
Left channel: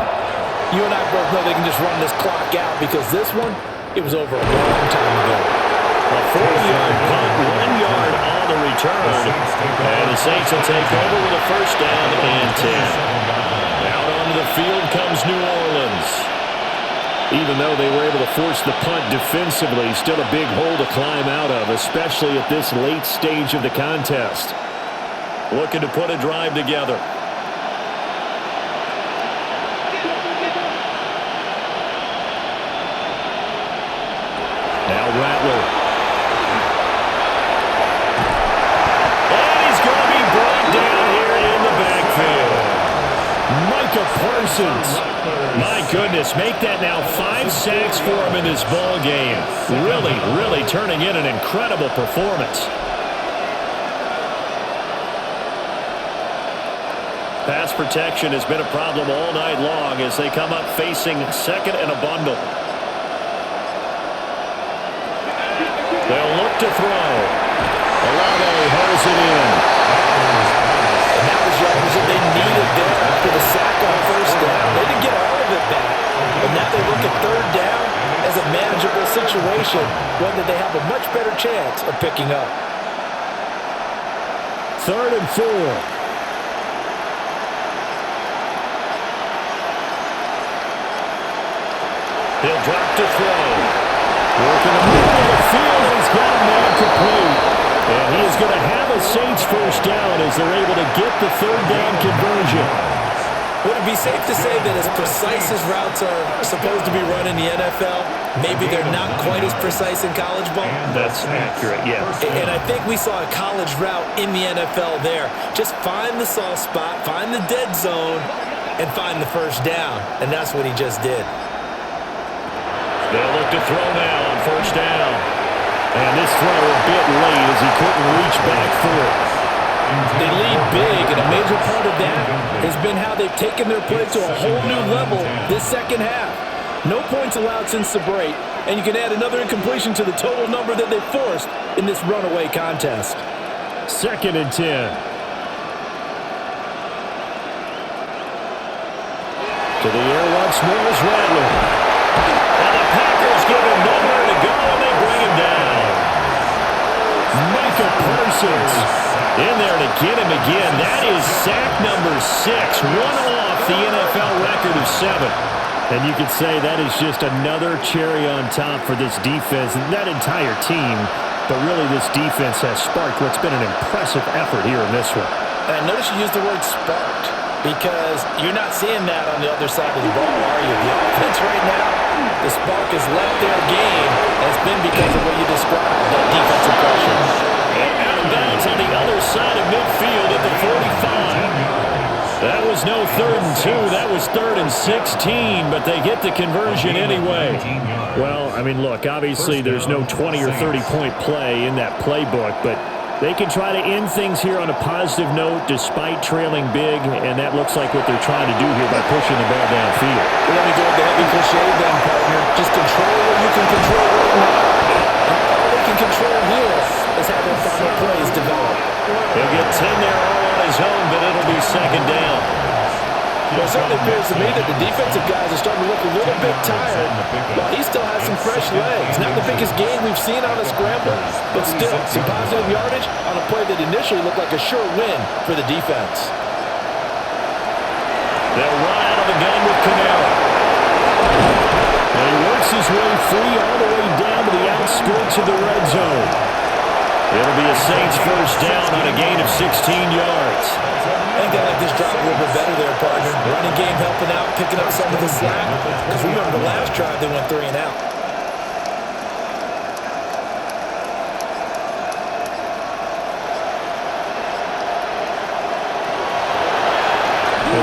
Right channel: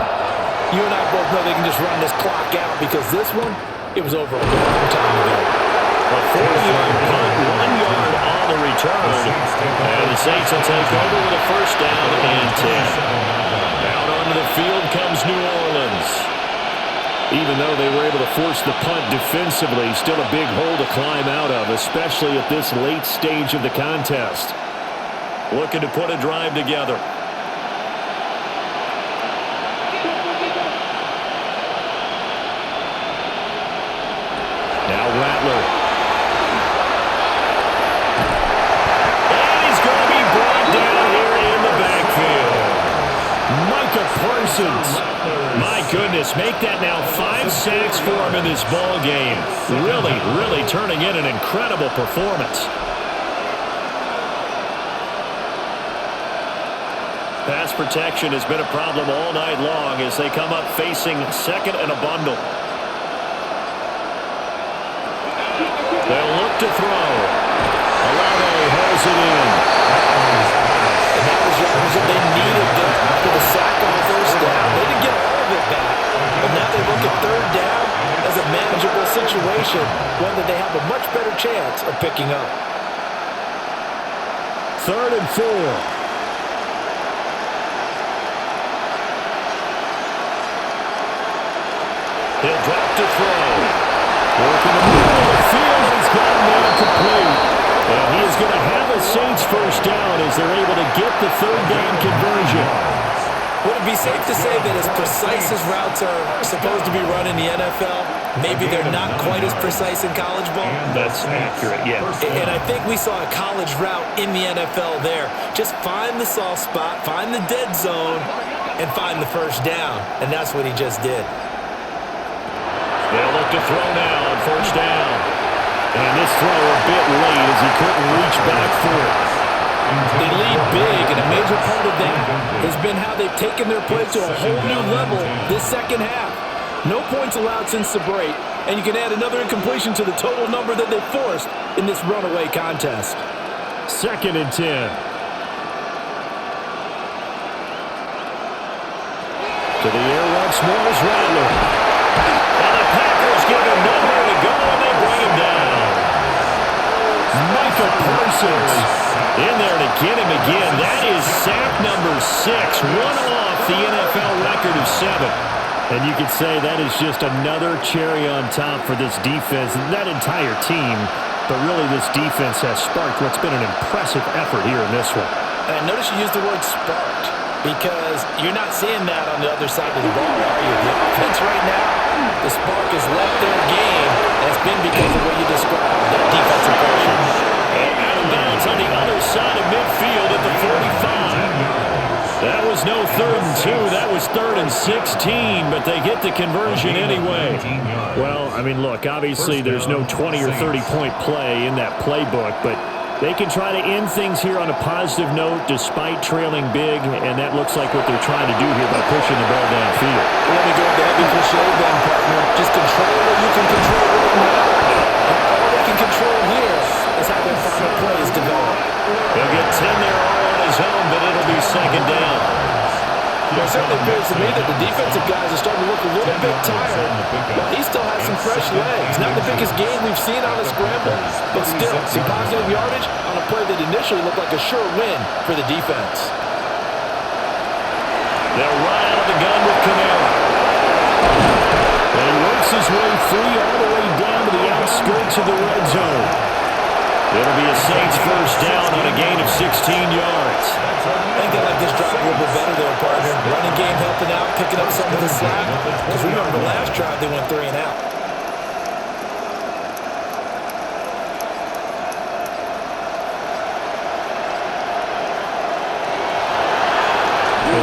you and I both know they can just run this clock out because this one, it was over a long time ago. A 40-yard punt, 1 yard on the return. And the Saints will take over with a 1st down and 10. Out onto the field comes New Orleans. Even though they were able to force the punt defensively, still a big hole to climb out of, especially at this late stage of the contest. Looking to put a drive together. Now Rattler. And he's going to be brought down here in the backfield. Micah Parsons. My goodness, make that now 5 sacks for him in this ball game. Really turning in an incredible performance. Pass protection has been a problem all night long as they come up facing 2nd and a bundle. They'll look to throw. Olave holds it in. And that was yardage that they needed there after the sack on 1st down. They didn't get all of it back, but now they look at 3rd down as a manageable situation, one that they have a much better chance of picking up. 3rd and 4. He'll drop to throw. Work in the middle of the field, and he's got a man complete. And he is going to have a Saints 1st down as they're able to get the 3rd down conversion. Would it be safe to say that as precise as routes are supposed to be run in the NFL, maybe they're not quite as precise in college ball? That's accurate, yeah. And I think we saw a college route in the NFL there. Just find the soft spot, find the dead zone, and find the 1st down. And that's what he just did. They'll look to throw now on 1st down. And this throw a bit late as he couldn't reach back for it. They lead big, and a major part of that has been how they've taken their play to a whole new level this 2nd half. No points allowed since the break, and you can add another incompletion to the total number that they forced in this runaway contest. 2nd and 10. To the air once more is Rattler. And the Packers give him nowhere to go, and they bring him down. Micah Parsons in there to get him again. That is sack number 6, one off the NFL record of 7. And you could say that is just another cherry on top for this defense and that entire team. But really, this defense has sparked what's been an impressive effort here in this one. And notice you used the word sparked, because you're not seeing that on the other side of the ball, are you? The offense right now, the spark has left their game, and it's been because of what you described, that defensive pressure. And out of bounds on the other side of midfield at the 45. That was no 3rd and 2. That was 3rd and 16, but they get the conversion anyway. Well, I mean, look, obviously there's no 20 or 30-point play in that playbook, but they can try to end things here on a positive note despite trailing big, and that looks like what they're trying to do here by pushing the ball downfield. Well, let me go with the heavy cliche then, partner. Just control what you can control right now, and all they can control here is how their final plays develop. He'll get 10 there all on his own, but it'll be 2nd down. Well, it certainly appears to me that the defensive guys are starting to look a little bit tired while he still has some fresh legs. Not the biggest gain we've seen on a scramble, but still some positive yardage on a play that initially looked like a sure win for the defense. They'll run out of the gun with Kamara. And he works his way free all the way down to the outskirts of the red zone. It'll be a Saints first down on a gain of 16 yards. I think they like this drive a little bit better there, partner. Running game helping out, picking up some of the slack. Because remember, the last drive they went 3 and out.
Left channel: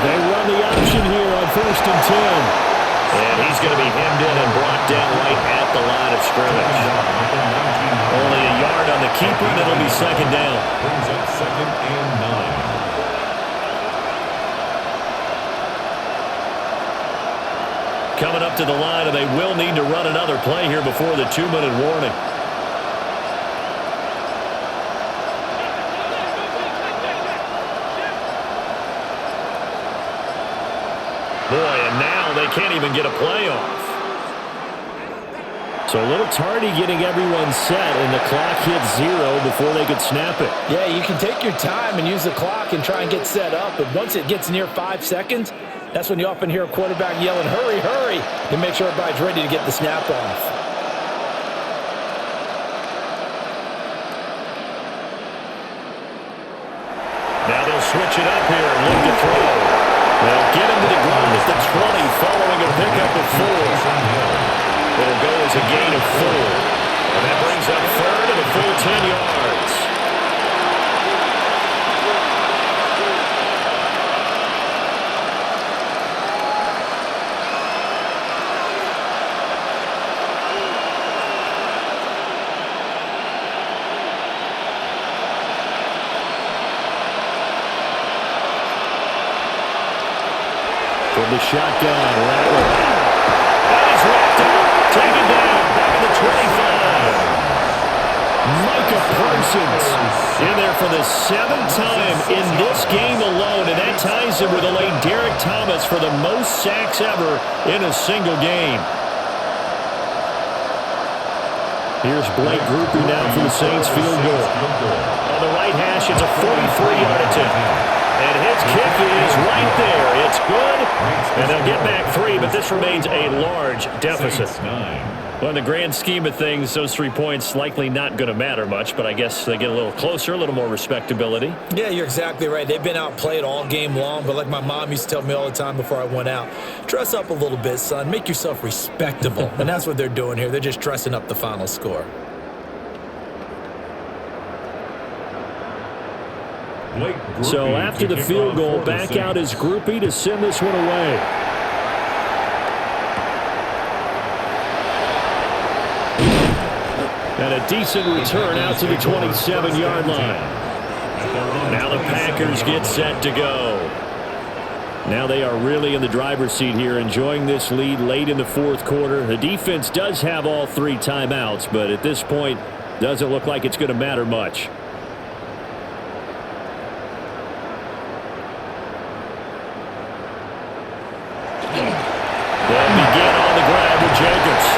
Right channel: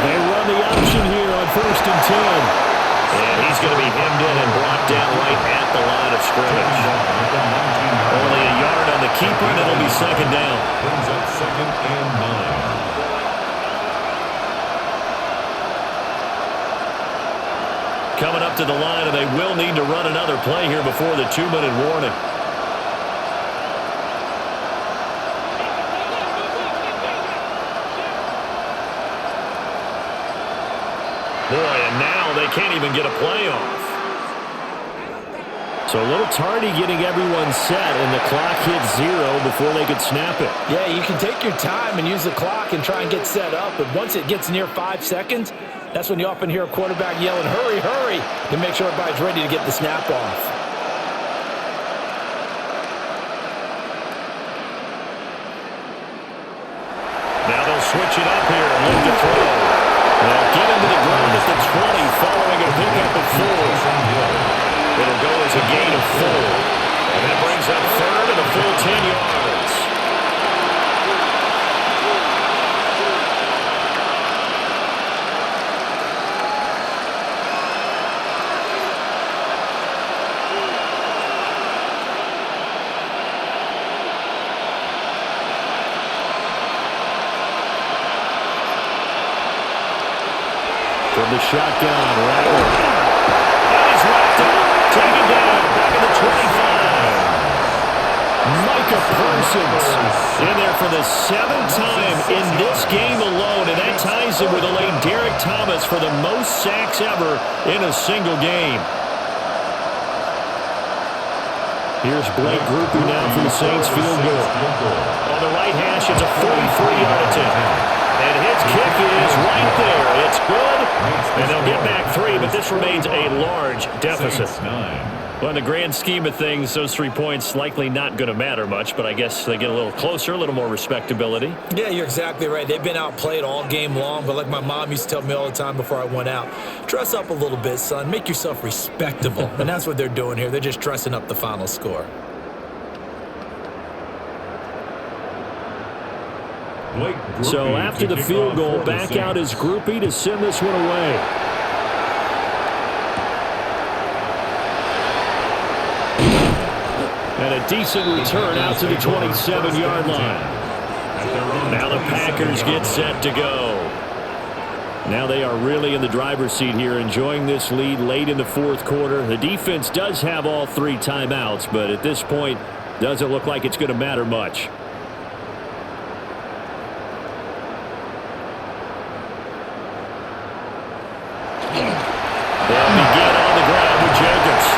They run the option here on 1st and 10. And he's going to be hemmed in and brought down right at the line of scrimmage. Only a yard on the keeper, and it'll be 2nd down. Brings up 2nd and 9. Coming up to the line, and they will need to run another play here before the 2-minute warning. Boy, and now they can't even get a play off. So a little tardy getting everyone set, and the clock hits 0 before they could snap it. Yeah, you can take your time and use the clock and try and get set up, but once it gets near 5 seconds, that's when you often hear a quarterback yelling, hurry, hurry, and make sure everybody's ready to get the snap off. Now they'll switch it up here and look to throw. They'll get him to the ground at the 20 following a pickup of 4. It'll go as a gain of 4. And that brings up 3rd and a full 10 yards. From the shotgun, Rattler. And he's wrapped up. Taken down. Back at the 25. Micah Parsons in there for the 7th time in this game alone. And that ties him with the late Derek Thomas for the most sacks ever in a single game. Here's Blake Groupie now for the Saints field goal. On the right hash, it's a 43-yard attempt. And his kick is right there. It's good. And they'll get back 3, but this remains a large deficit. Well, in the grand scheme of things, those 3 points likely not going to matter much, but I guess they get a little closer, a little more respectability. Yeah, you're exactly right. They've been outplayed all game long, but like my mom used to tell me all the time before I went out, dress up a little bit, son. Make yourself respectable. And that's what they're doing here. They're just dressing up the final score. So after the field goal, back out is Groupie to send this one away. And a decent return out to the 27-yard line. Now the Packers get set to go. Now they are really in the driver's seat here, enjoying this lead late in the 4th quarter. The defense does have all 3 timeouts, but at this point, doesn't look like it's going to matter much. They'll begin on the ground with Jacobs.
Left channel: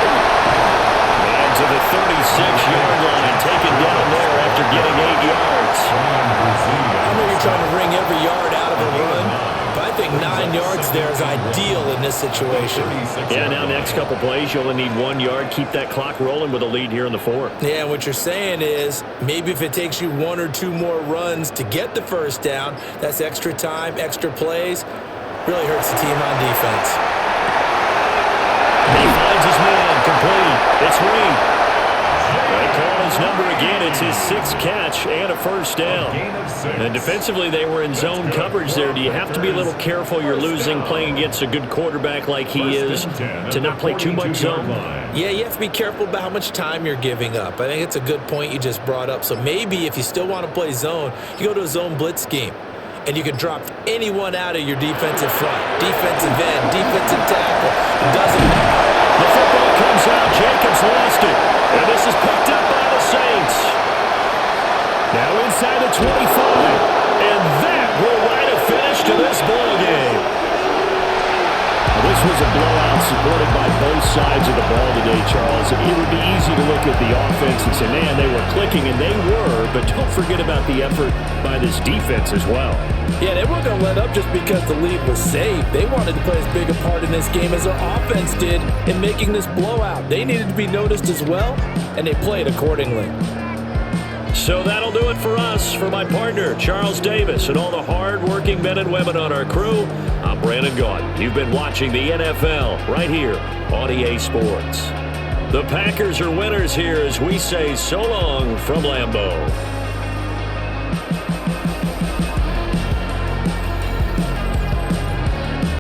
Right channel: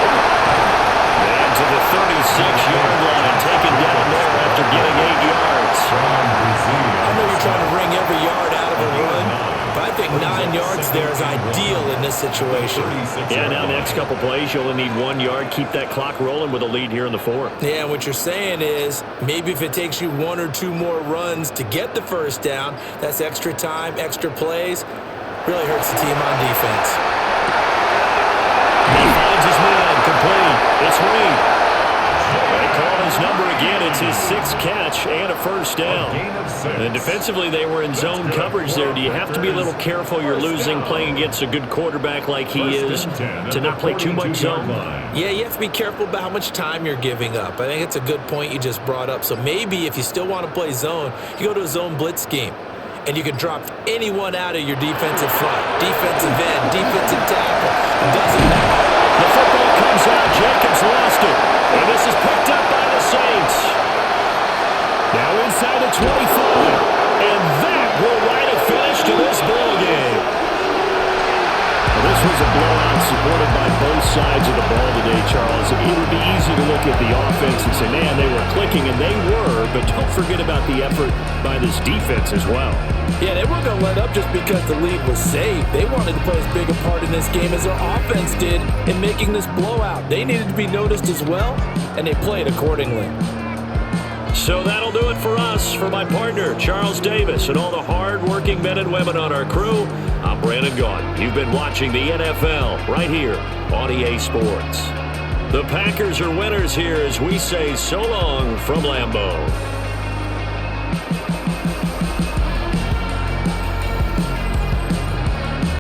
And to the 36-yard line, taken down there after getting 8 yards. I know you're trying to wring every yard out of a run, but I think 9 yards there is ideal in this situation. Yeah, now next couple plays, you only need 1 yard. Keep that clock rolling with a lead here in the 4th. Yeah, and what you're saying is maybe if it takes you 1 or 2 more runs to get the first down, that's extra time, extra plays. Really hurts the team on defense. He finds his man, complete. It's Reed. They call his number again. It's his 6th catch and a first down. And defensively, they were in zone coverage there. Do you have to be a little careful? You're losing playing against a good quarterback like he is to not play too much zone? Yeah, you have to be careful about how much time you're giving up. I think it's a good point you just brought up. So maybe if you still want to play zone, you go to a zone blitz scheme. And you can drop anyone out of your defensive front. Defensive end, defensive tackle. It doesn't matter. The football comes out. Jacobs lost it. And this is picked up by the Saints. Now inside the 25. And that will write a finish to this ball game. Well, this was a blowout supported by both sides of the ball today, Charles. It would be easy to look at the offense and say, man, they were clicking, and they were, but don't forget about the effort by this defense as well. Yeah, they weren't going to let up just because the lead was saved. They wanted to play as big a part in this game as their offense did in making this blowout. They needed to be noticed as well, and they played accordingly. So that'll do it for us. For my partner, Charles Davis, and all the hard-working men and women on our crew, I'm Brandon Gaudin. You've been watching the NFL right here on EA Sports. The Packers are winners here as we say so long from Lambeau.